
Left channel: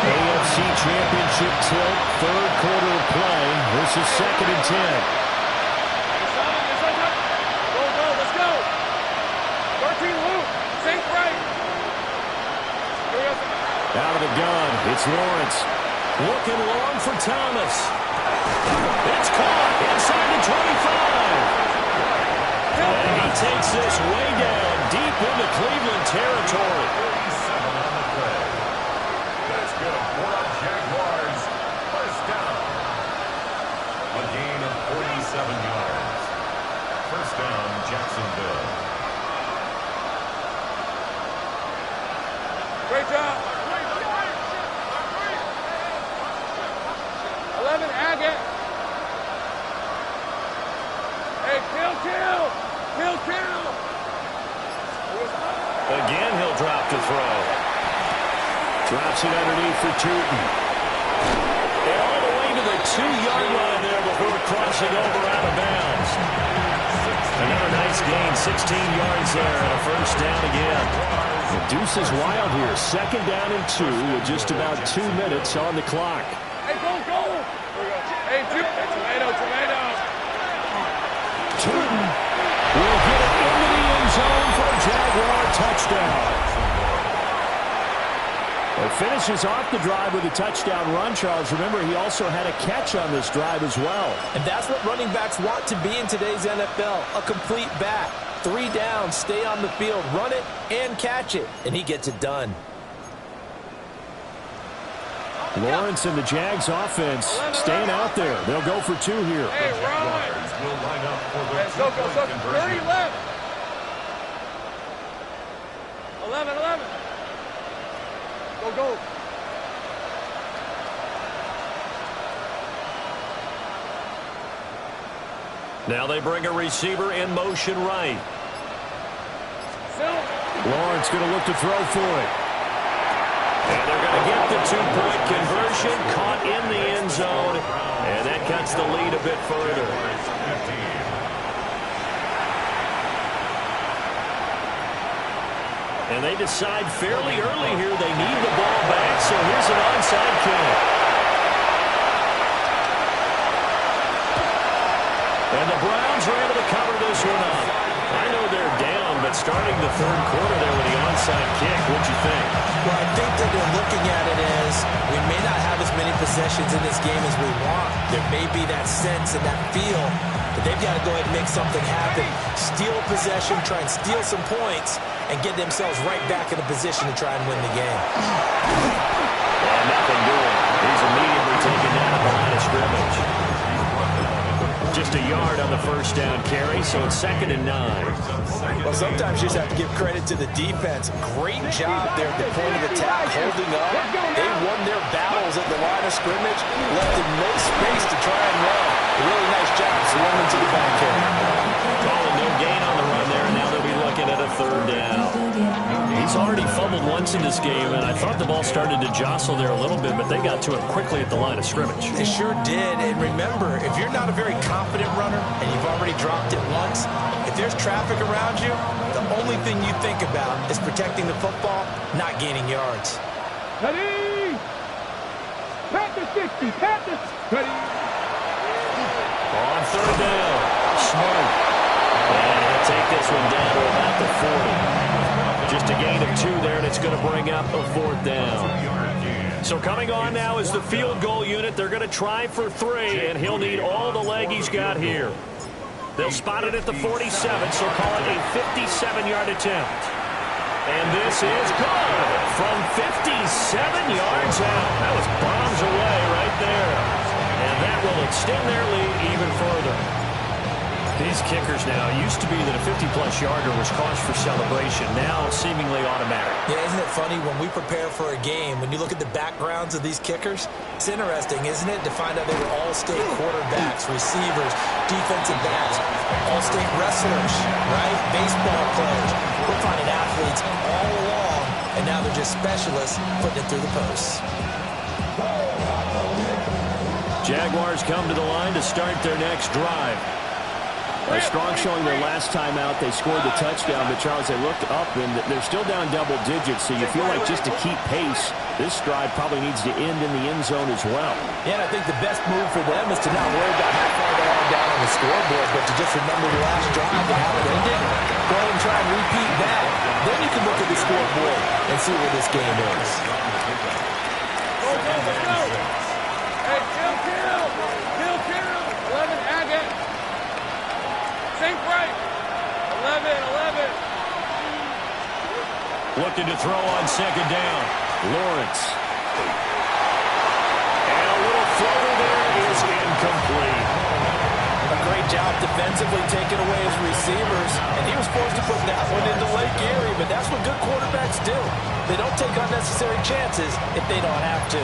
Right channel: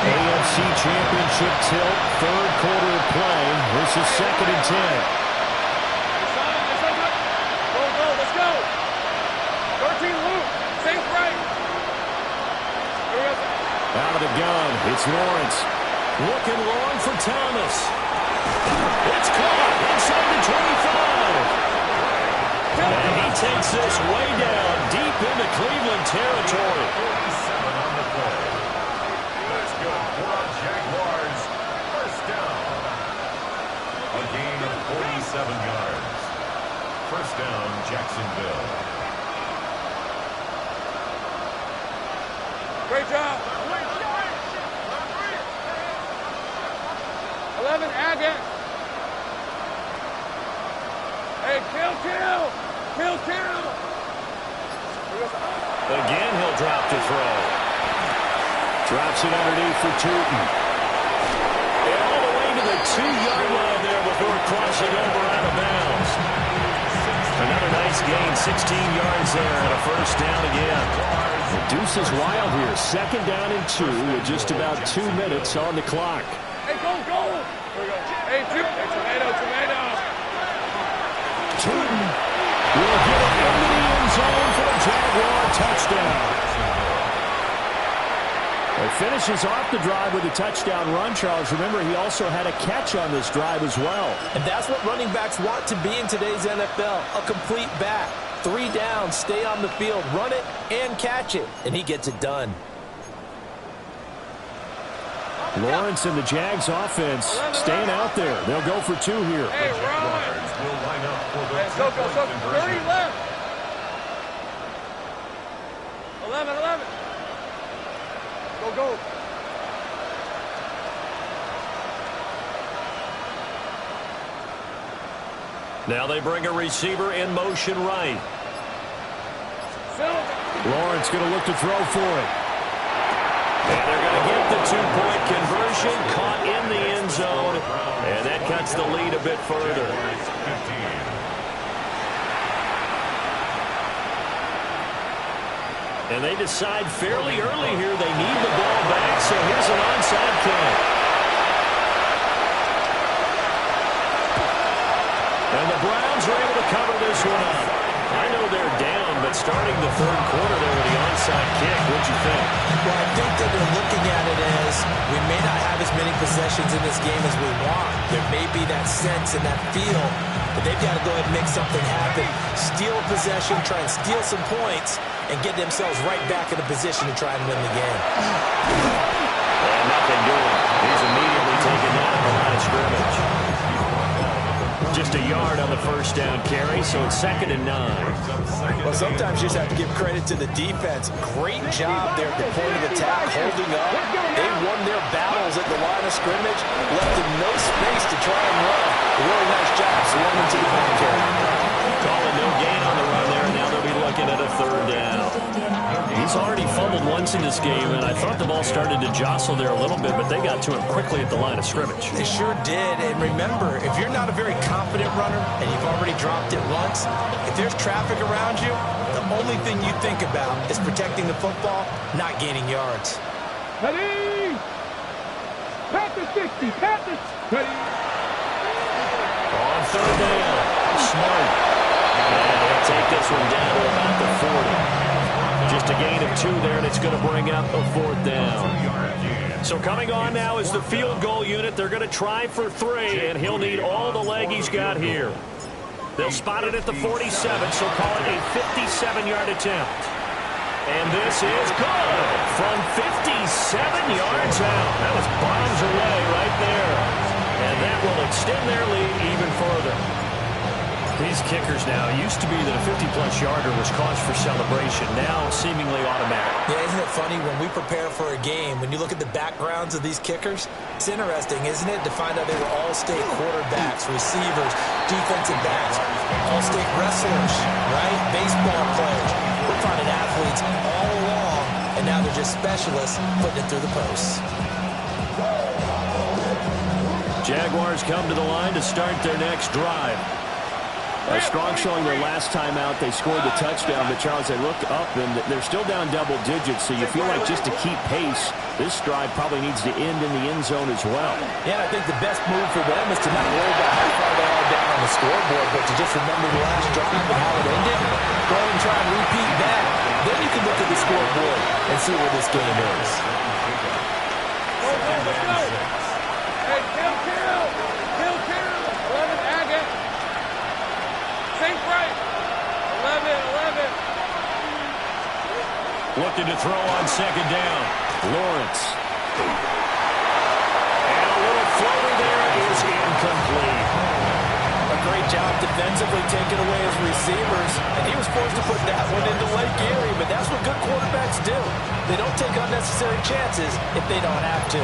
AFC Championship tilt, 3rd quarter of play versus 2nd and 10. Go, let's go. 13 loop, safe right. Here we go. Out of the gun, it's Lawrence. Looking long for Thomas. It's caught inside the 25. And he takes this way down deep into Cleveland territory. 47 on the play. That's good for our Jaguars. First down. A gain of 47 yards. First down, Jacksonville. Great job. 11, Agate. Hey, kill. Again, he'll drop to throw. Drops it underneath for Tootin. And all the way to the 2-yard line there before crossing over out of bounds. Another nice gain, 16 yards there, and a first down again. The deuce is wild here. 2nd down and 2 with just about 2 minutes on the clock. Hey, go. Here we go. Hey, tomato. Tootin will get it into the end zone for a Jaguar touchdown. Well, he finishes off the drive with a touchdown run, Charles. Remember, he also had a catch on this drive as well. And that's what running backs want to be in today's NFL, a complete back. 3 downs, stay on the field, run it, and catch it. And he gets it done. Lawrence and the Jags offense staying out there. They'll go for 2 here. Hey, Jaguars will line up for the Hey, go. two-point conversion. 30 left. 11. Go. Now they bring a receiver in motion right. Lawrence going to look to throw for it. And they're going to get the 2-point conversion, caught in the end zone, and that cuts the lead a bit further. And they decide fairly early here they need the ball back, so here's an onside kick. And the Browns are able to cover this one up. I know they're down, but starting the third quarter there with the onside kick, what'd you think? Well, I think that they're looking at it as we may not have as many possessions in this game as we want. There may be that sense and that feel that they've got to go ahead and make something happen, steal a possession, try and steal some points, and get themselves right back in a position to try and win the game. And nothing doing. He's immediately taken down at the line of scrimmage. Just a yard on the first down carry, so it's 2nd and 9. Well, sometimes you just have to give credit to the defense. Great job there at the point of attack, holding up. They won their battles at the line of scrimmage, left them no space to try and run. A really nice job swarming to the ball carrier. Calling no gain on the run there, and now they'll be looking at a 3rd down. He's already fumbled once in this game, and I thought the ball started to jostle there a little bit, but they got to him quickly at the line of scrimmage. They sure did, and remember, if you're not a very confident runner and you've already dropped it once, if there's traffic around you, the only thing you think about is protecting the football, not gaining yards. Ready? Pat the 60, pat the... Ready? On 3rd down, Smart. And he'll take this one down to about the 40. Just a gain of 2 there, and it's going to bring up a 4th down. So coming on now is the field goal unit. They're going to try for 3, and he'll need all the leg he's got here. They'll spot it at the 47, so call it a 57-yard attempt. And this is good from 57 yards out. That was bombs away right there. And that will extend their lead even further. These kickers now, used to be that a 50-plus yarder was cause for celebration. Now seemingly automatic. Yeah, isn't it funny when we prepare for a game, when you look at the backgrounds of these kickers, it's interesting, isn't it, to find out they were all-state quarterbacks, receivers, defensive backs, all-state wrestlers, right? Baseball players. We're finding athletes all along, and now they're just specialists putting it through the posts. Jaguars come to the line to start their next drive. A strong showing their last time out. They scored the touchdown, but Charles, they look up and they're still down double digits, so you feel like just to keep pace, this drive probably needs to end in the end zone as well. Yeah, and I think the best move for them is to not worry about how far they are down on the scoreboard, but to just remember the last drive and how it ended. Go ahead and try and repeat that. Then you can look at the scoreboard and see where this game is. Go, let's go. Hey, kill. 11, Agate. Sink right. 11. Looking to throw on 2nd down. Lawrence. And a little floater there is incomplete. A great job defensively taking away his receivers, and he was forced to put that one into Lake Erie, but that's what good quarterbacks do. They don't take unnecessary chances if they don't have to.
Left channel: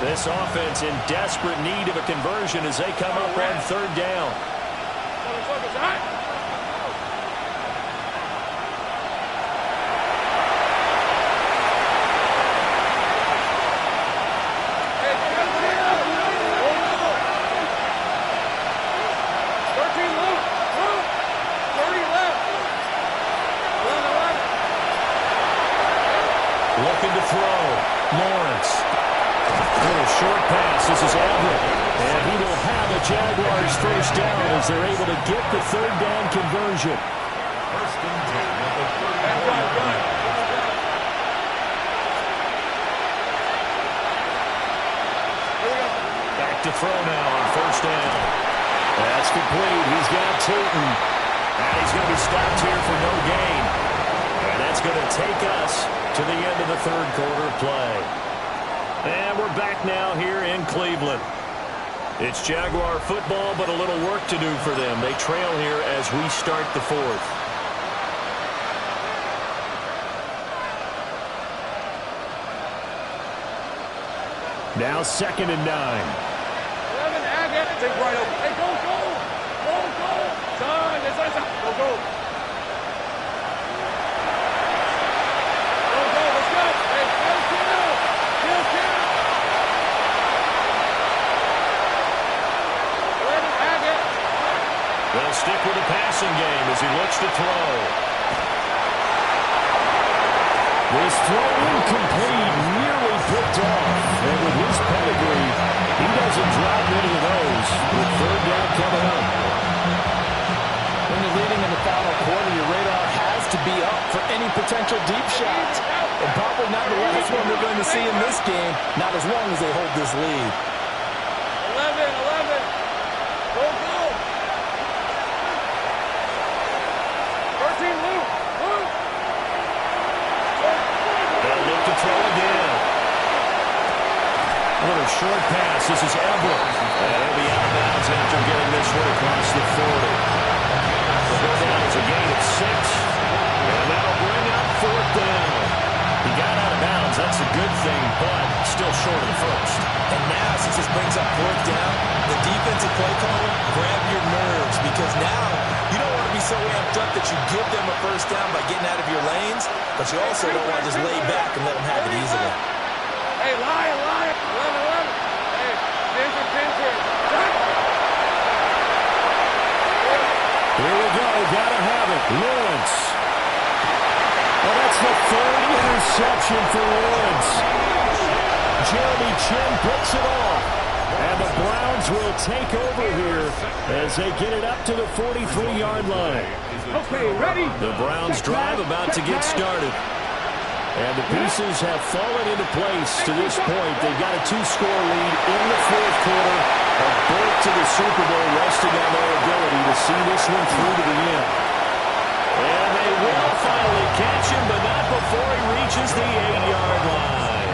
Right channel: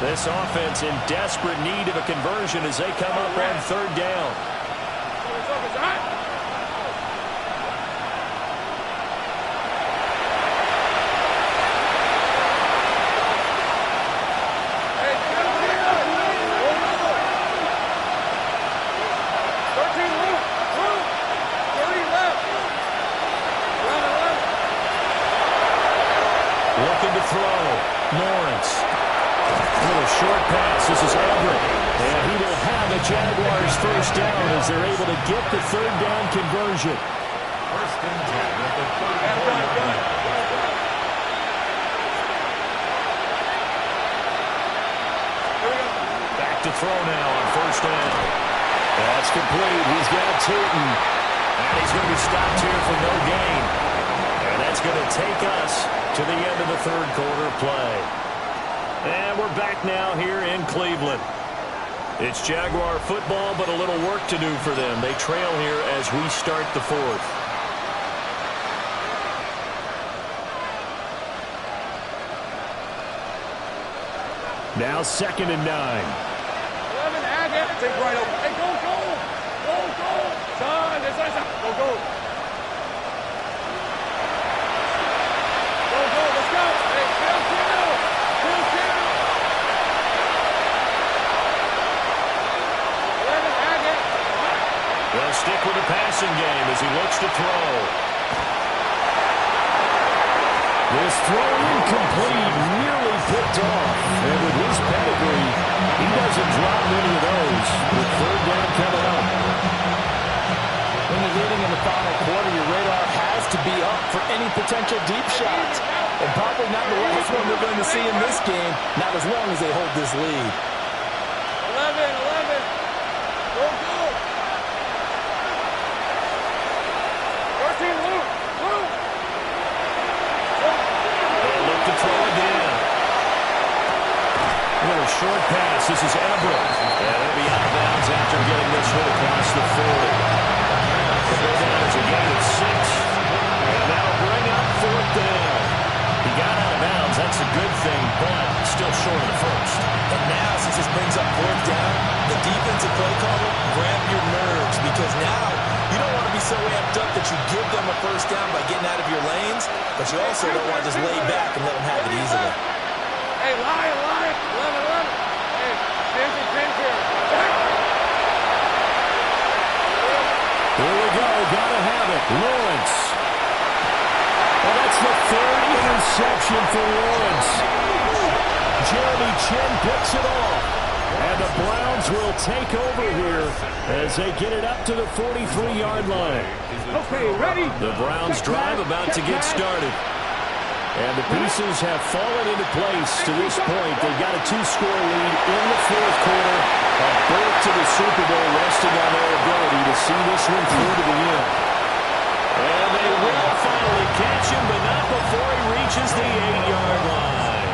This offense in desperate need of a conversion as they come up on 3rd down. Focus, all right. Hey, kill. 13 loop. 30 left. 11. Looking to throw. Lawrence. A little short pass. This is Everett. And he will have a Jaguars first down as they're able to get the 3rd down conversion. 1st and 10 at the 34-yard line. Here we go. Back to throw now on 1st down. That's complete. He's got Tootin. And he's going to be stopped here for no gain. And that's going to take us to the end of the 3rd quarter play. And we're back now here in Cleveland. It's Jaguar football, but a little work to do for them. They trail here as we start the 4th. Now 2nd and 9. 11, Agate. Take right over. Hey, go. Son, go. Go, let's go. Hey, kill. They'll stick with the passing game as he looks to throw. This throw incomplete, nearly picked off. And with his pedigree, he doesn't drop many of those with 3rd down coming up. quarter, your radar has to be up for any potential deep shots. And probably not the last one we're going to see in this game, not as long as they hold this lead. 11. Go, go. 13, Luke. They'll look to throw again. A little short pass. This is Ebron. And it'll be out of bounds after getting this one across the 40. They'll go down as a gain of 6. And that'll bring up 4th down. He got out of bounds. That's a good thing, but still short of the first. And now, since this brings up 4th down, the defensive play caller, grab your nerves, because now you don't want to be so amped up that you give them a first down by getting out of your lanes, but you also don't want to just lay back and let them have it easily. Hey, Lion. 11. Hey, pins here. Here we go. Gotta have it. Lawrence. Well, that's the 3rd interception for Lawrence. Jeremy Chin picks it off. And the Browns will take over here as they get it up to the 43-yard line. Okay, ready? The Browns drive about to get started. And the pieces have fallen into place to this point. They've got a 2-score lead in the 4th quarter. A berth to the Super Bowl resting on their ability to see this one through to the end. And they will finally catch him, but not before he reaches the 8-yard line.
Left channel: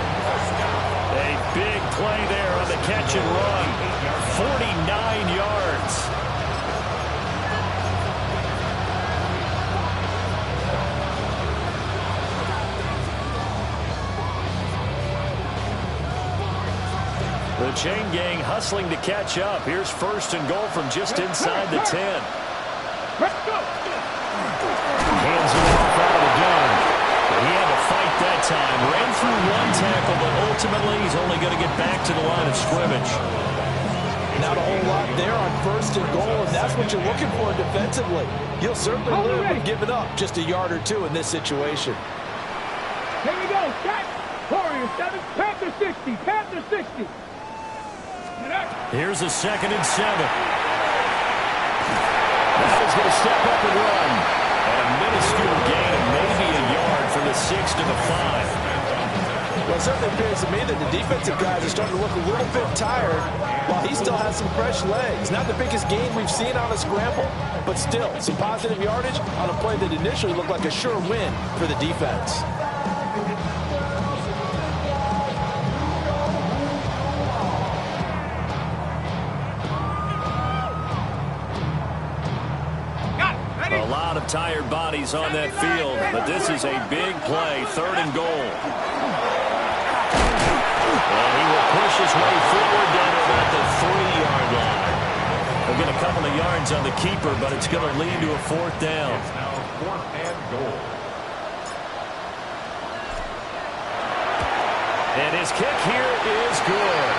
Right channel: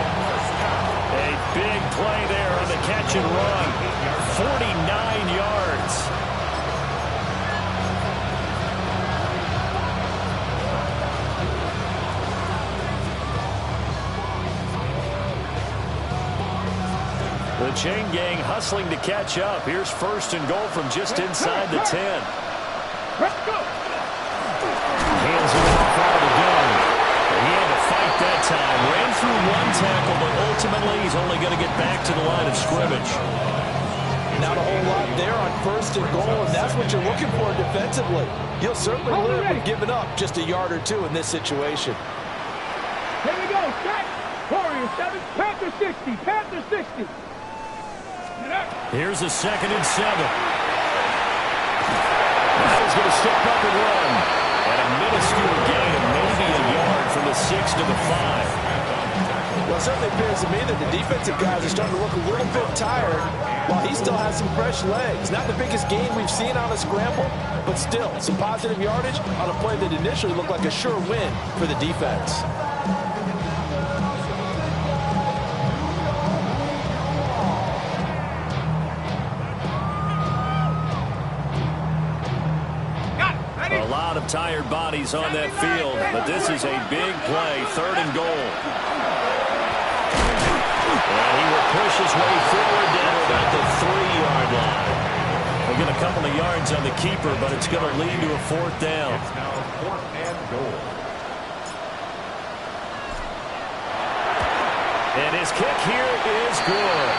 A big play there on the catch and run. 49 yards. The chain gang hustling to catch up. Here's 1st and goal from just inside the 10. Let's go. Hands it off out of the gun. But he had to fight that time. Ran through 1 tackle, but ultimately he's only going to get back to the line of scrimmage. Not a whole lot there on 1st and goal, and that's what you're looking for defensively. You'll certainly live with giving up just a yard or 2 in this situation. Here we go. Set. Warrior 7. Panther 60. Panther 60. Here's a 2nd and 7. Now he's going to step up and run. And a minuscule gain of maybe a yard from the 6 to the 5. Well, it certainly appears to me that the defensive guys are starting to look a little bit tired while he still has some fresh legs. Not the biggest gain we've seen on a scramble, but still some positive yardage on a play that initially looked like a sure win for the defense. A lot of tired bodies on that field, but this is a big play, 3rd and goal. And he will push his way forward down to about the 3-yard line. He'll get a couple of yards on the keeper, but it's going to lead to a 4th down. It's now 4th and goal. And his kick here is good.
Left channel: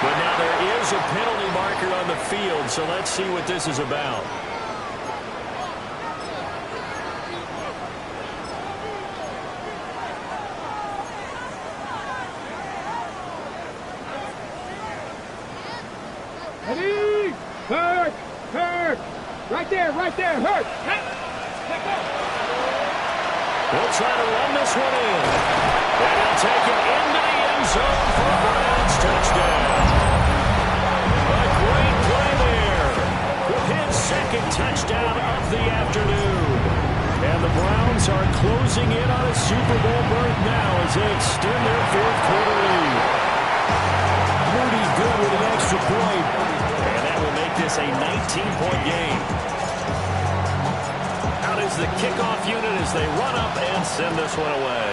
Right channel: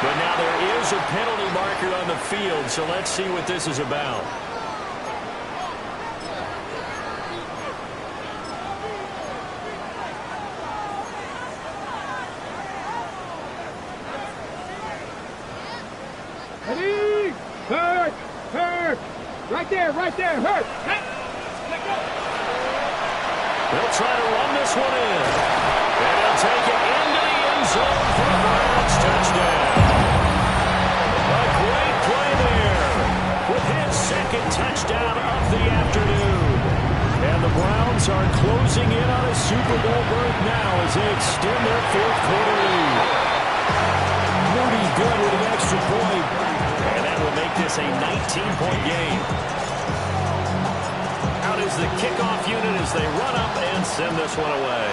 But now there is a penalty marker on the field, so let's see what this is about. Ready? Hurt. Right there. Hurt. They'll try to run this one in. And he'll take it into the end zone for a Browns touchdown. A great play there with his 2nd touchdown of the afternoon. And the Browns are closing in on a Super Bowl berth now as they extend their 4th quarter lead. Rudy good with an extra point. And that will make this a 19-point game. Out is the kickoff unit as they run up and send this one away.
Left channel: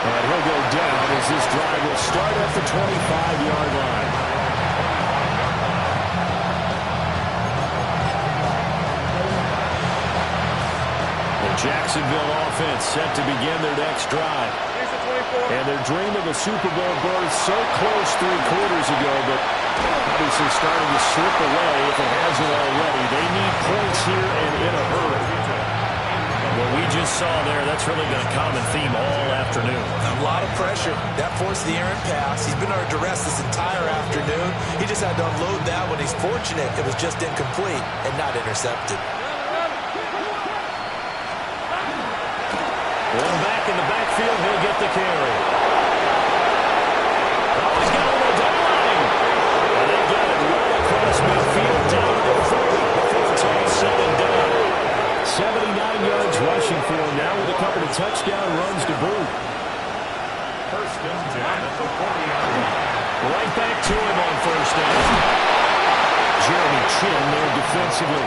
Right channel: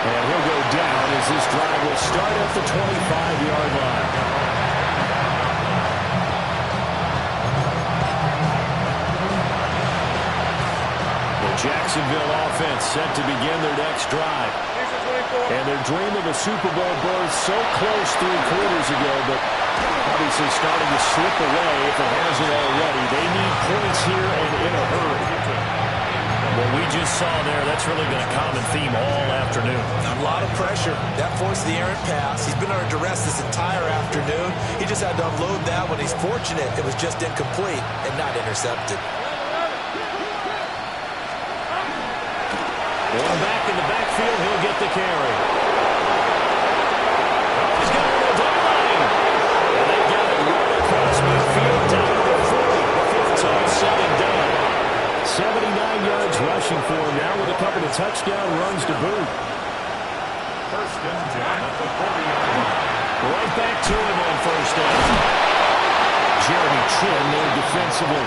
And he'll go down as this drive will start at the 25-yard line. The Jacksonville offense set to begin their next drive. And their dream of a Super Bowl berth so close 3 quarters ago, but obviously starting to slip away if it hasn't already. They need points here and in a hurry. What we just saw there, that's really been a common theme all afternoon. A lot of pressure. That forced the errant pass. He's been under duress this entire afternoon. He just had to unload that one. He's fortunate it was just incomplete and not intercepted. One back in the backfield, he'll get the carry. Oh, he's got a little daylight. And they've got it well across midfield down to their 40 before it's all said and done. 79 yards rushing for him now with a couple of touchdown runs to boot. First and 10 at the 40-yard line. Right back to him on first down. Jeremy Chin there defensively.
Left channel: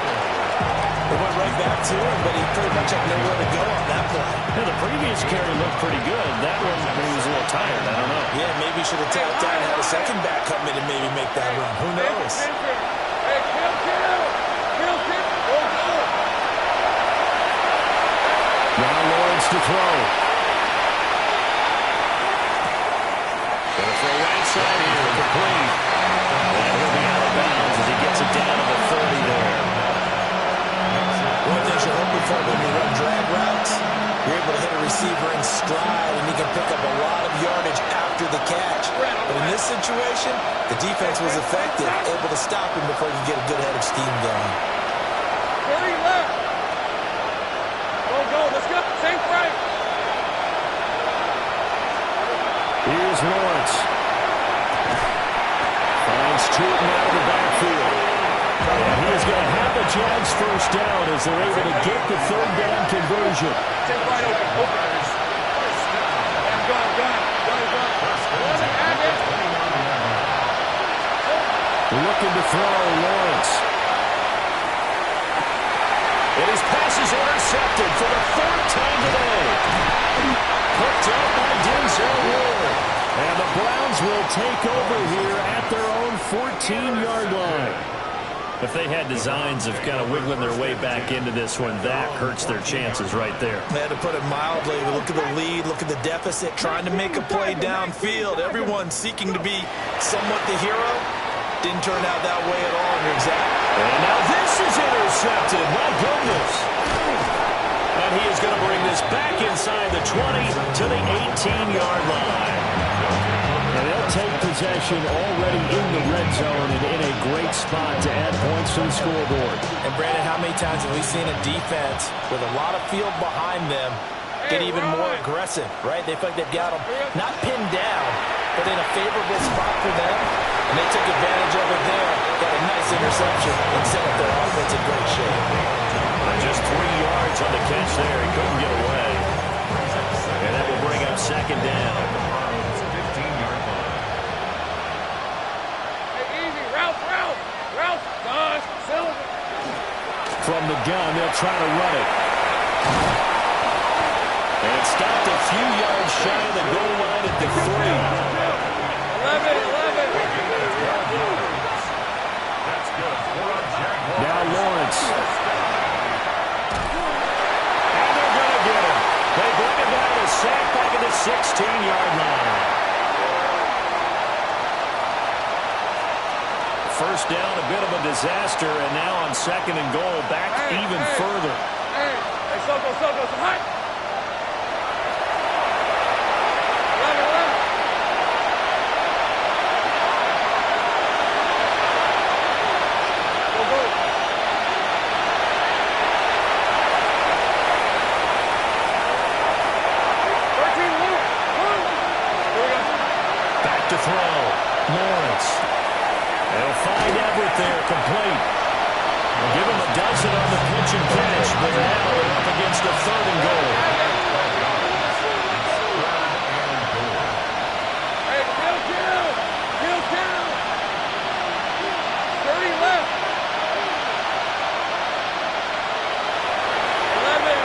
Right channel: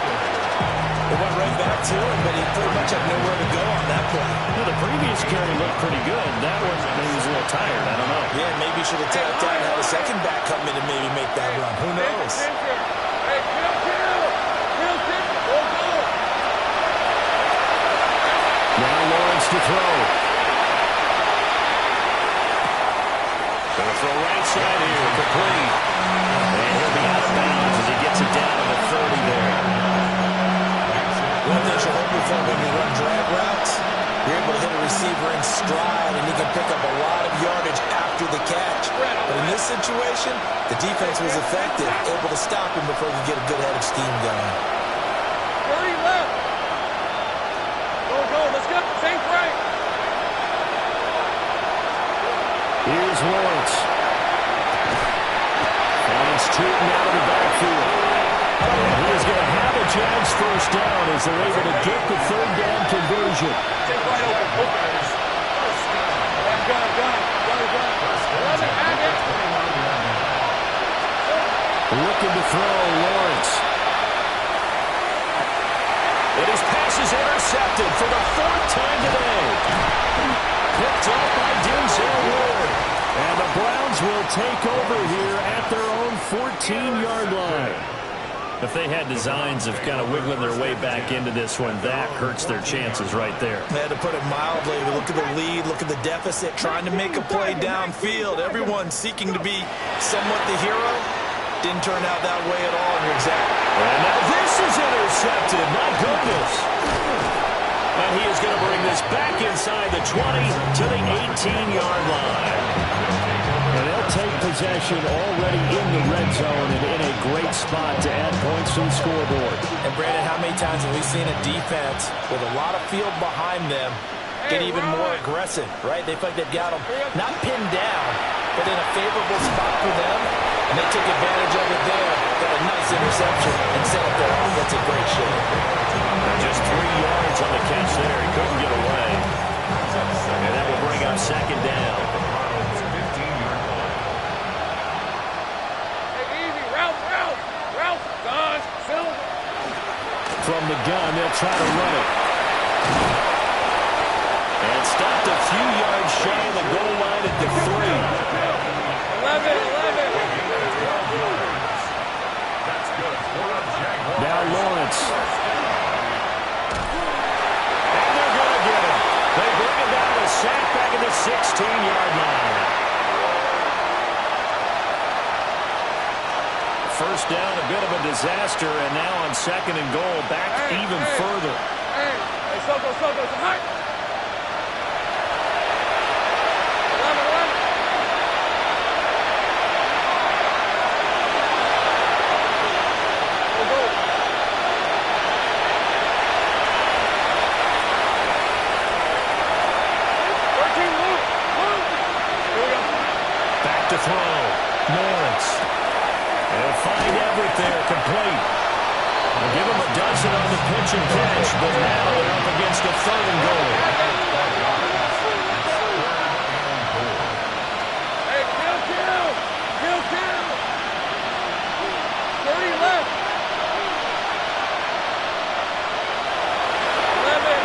It went right back to him, but he pretty much had nowhere to go on that play. Now, the previous carry looked pretty good. That one, maybe he was a little tired. I don't know. Yeah, maybe he should have tapped out and had a second back come in and maybe make that run. Who knows? Hey, kill. Go. Now Lawrence to throw. Gonna throw right side here, complete. And he'll be out of bounds as he gets it down to the 30 there. One thing you're hoping for when you run drag routes, you're able to hit a receiver in stride, and he can pick up a lot of yardage after the catch. But in this situation, the defense was effective, able to stop him before he could get a good head of steam going. 30 left. Go. Let's go. Sink right. Here's Lawrence. Finds Tootin out of the backfield. And he is going to have a Jags first down as they're able to get the third down conversion. Sink right open. First down. Gun. 11, add it. Looking to throw, Lawrence. And his pass is intercepted for the fourth time today. Picked up by Denzel Ward. And the Browns will take over here at their own 14-yard line. If they had designs of kind of wiggling their way back into this one, that hurts their chances right there. They had to put it mildly. Look at the lead, look at the deficit, trying to make a play downfield. Everyone seeking to be somewhat the hero. Didn't turn out that way at all, and you're exactly. And now this is intercepted. My goodness. And he is going to bring this back inside the 20 to the 18-yard line. And they'll take possession already in the red zone and in a great spot to add points to the scoreboard. And, Brandon, how many times have we seen a defense with a lot of field behind them get even more aggressive, right? They feel like they've got them not pinned down, but in a favorable spot for them. And they took advantage of it there. Got a nice interception and set up their offense in great shape. Just 3 yards on the catch there. He couldn't get away. And that will bring up second down. 15-yard line. Hey, easy. Route. Gosh, Silver. From the gun, they'll try to run it. And stopped a few yards shy of the goal line at the 3. 11. That's good for a Jaguar. Now Lawrence. And they're going to get him. They bring him down a sack back at the 16-yard line. First down, a bit of a disaster, and now on second and goal, back even further. Hey, Soko, high. 11. Go. 13, Luke. Here we go. Back to throw. Lawrence. They'll find Everett there, complete. They'll give him a dozen on the pitch and catch, but now they're up against a third and goal. Hey, kill. 30 left. 11.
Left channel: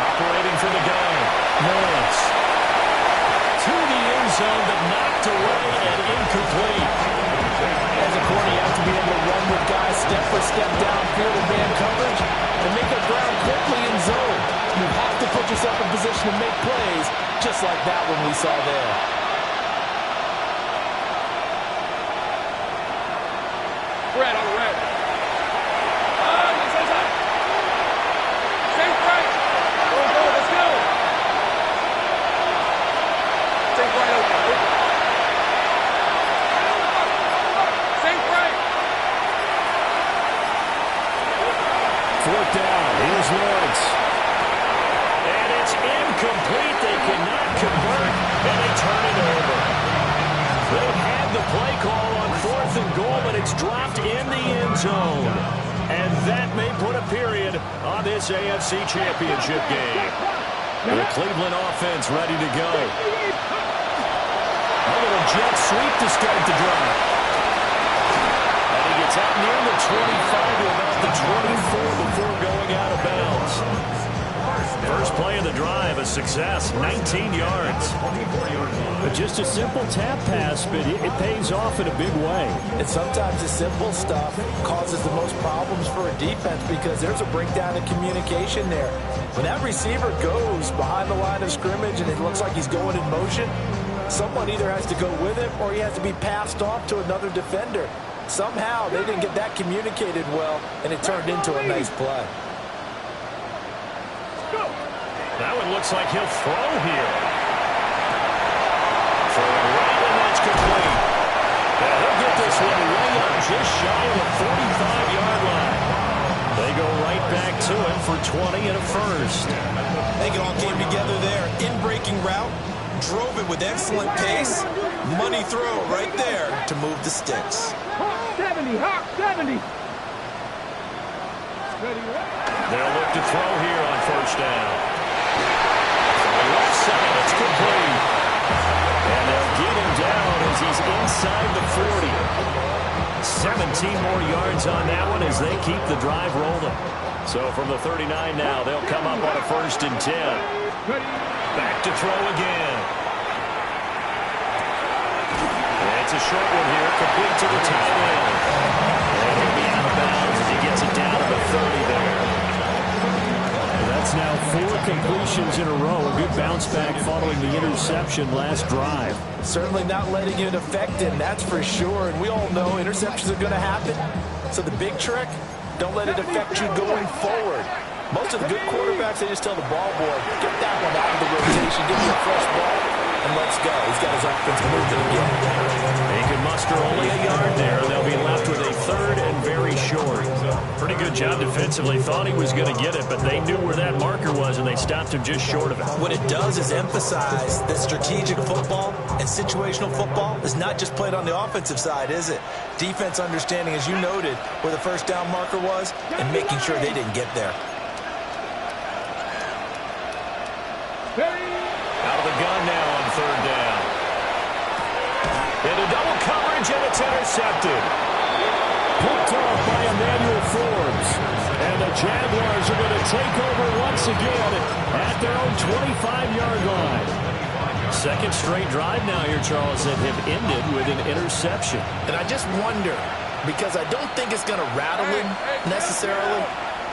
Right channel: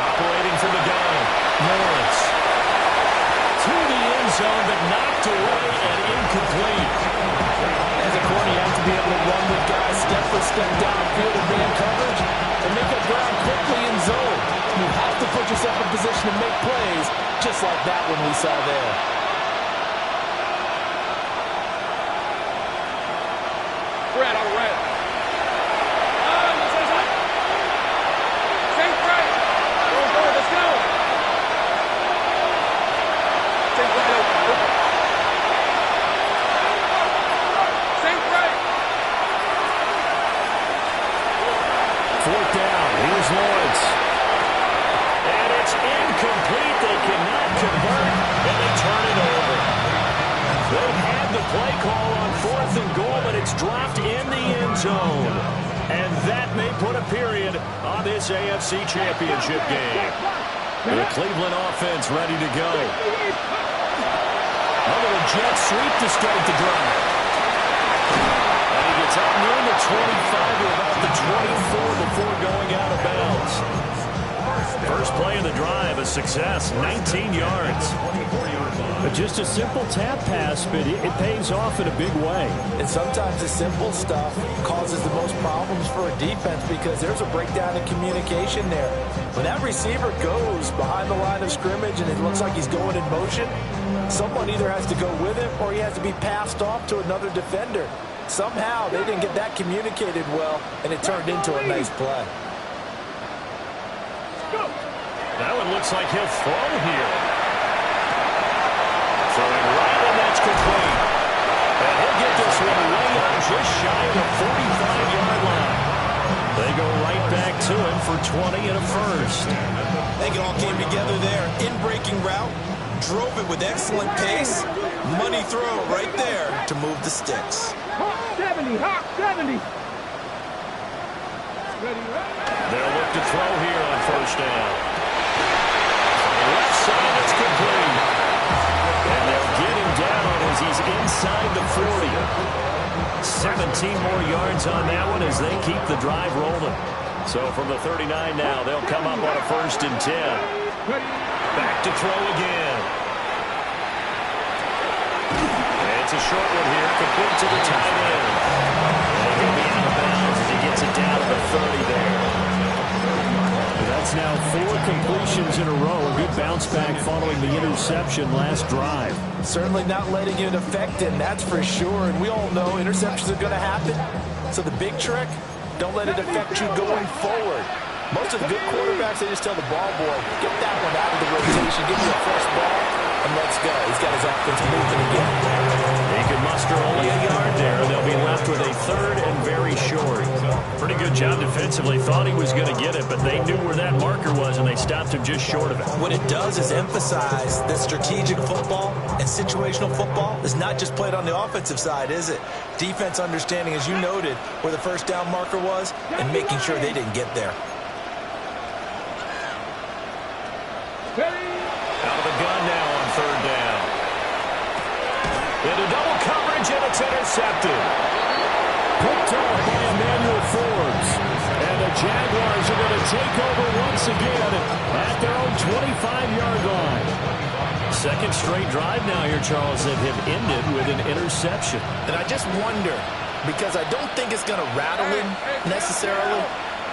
Operating from the gun. Lawrence. To the end zone, but knocked away and incomplete. As a corner, you have to be able to run with guys step for step downfield in man coverage and make up ground quickly in zone. You have to put yourself in position to make plays, just like that one we saw there. Red. incomplete. They cannot convert, and they turn it over. They had the play call on 4th and goal, but it's dropped in the end zone. And that may put a period on this AFC Championship game. The Cleveland offense ready to go. A little jet sweep to start the drive. And he gets up near the 25 to about the 24 before going out of bounds. First play of the drive, a success, 19 yards. But just a simple tap pass, but it pays off in a big way. And sometimes the simple stuff causes the most problems for a defense because there's a breakdown in communication there. When that receiver goes behind the line of scrimmage and it looks like he's going in motion, someone either has to go with him or he has to be passed off to another defender. Somehow they didn't get that communicated well, and it turned into a nice play. That one looks like he'll throw here. Throwing right, and that's complete. And he'll get this one way out just shy of the 45-yard line. They go right back to him for 20 and a first. I think it all came together there. In-breaking route, drove it with excellent pace. Money throw right there to move the sticks. Hawk 70, Hawk 70. They'll look to throw here on first down. Left side, it's complete. And they'll get him down as he's inside the 40. 17 more yards on that one as they keep the drive rolling. So from the 39 now, they'll come up on a 1st and 10. Back to throw again. And it's a short one here, complete to the tight end. And he'll be out of bounds as he gets it down to the 30 there. That's now 4 completions in a row. A good bounce back following the interception last drive. Certainly not letting it affect him, that's for sure. And we all know interceptions are going to happen. So the big trick, don't let it affect you going forward. Most of the good quarterbacks, they just tell the ball boy, get that one out of the rotation, give me a fresh ball, and let's go. He's got his offense moving again. He could muster only a yard there. They'll be left with a 3rd and very short. Pretty good job defensively. Thought he was going to get it, but they knew where that marker was, and they stopped him just short of it. What it does is emphasize that strategic football and situational football is not just played on the offensive side, is it? Defense understanding, as you noted, where the first down marker was and making sure they didn't get there. Out of the gun now on 3rd down. Into double coverage, and it's intercepted. Picked off by Emmanuel Forbes. And the Jaguars are going to take over once again at their own 25-yard line. Second straight drive now here, Charles, that have ended with an interception. And I just wonder, because I don't think it's going to rattle him necessarily,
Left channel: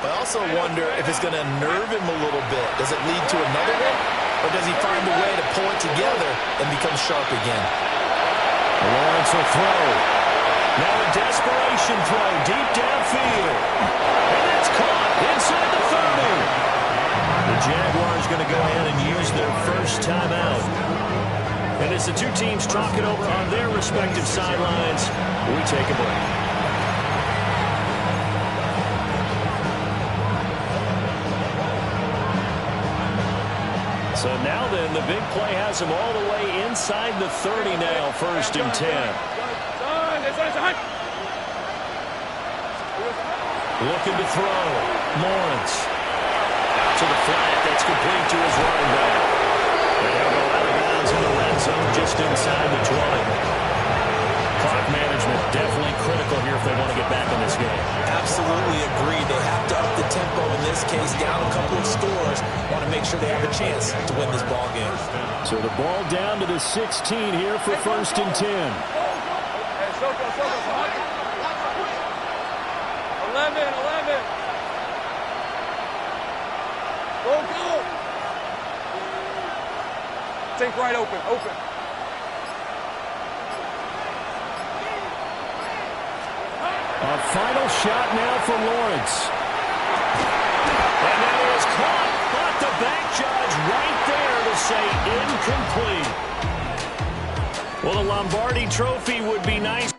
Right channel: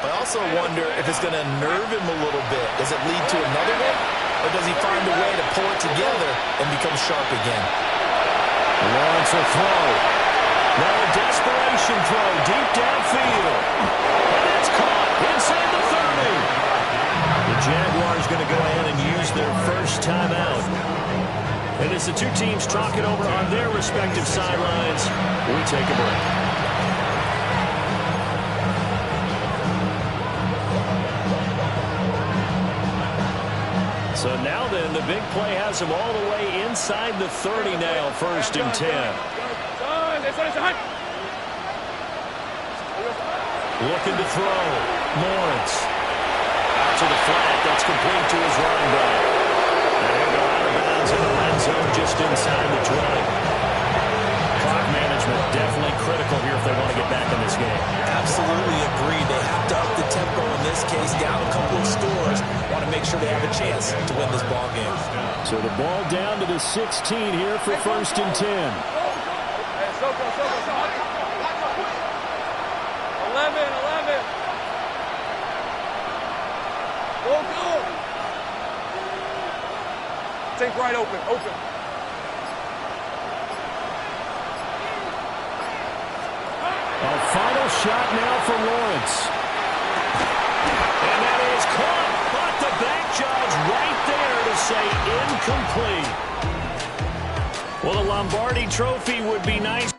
but I also wonder if it's going to nerve him a little bit. Does it lead to another one? Or does he find a way to pull it together and become sharp again? Lawrence will throw. Now a desperation throw deep downfield. And that's caught inside the 30. The Jaguars going to go ahead and use their first timeout. And as the two teams talk it over on their respective sidelines, we take a break. So now then, the big play has him all the way inside the 30 now, 1st and 10. Looking to throw. Lawrence. Out to the flat. That's complete to his running back. And he'll go out of bounds in the red zone just inside the 20. Clock management definitely critical here if they want to get back in this game. Absolutely agree. They have to up the tempo in this case, down a couple of scores. Want to make sure they have a chance to win this ball game. So the ball down to the 16 here for 1st and 10. 11. Go. Think right, open. A final shot now for Lawrence. And that is caught, but the back judge right there to say incomplete. Well, the Lombardi Trophy would be nice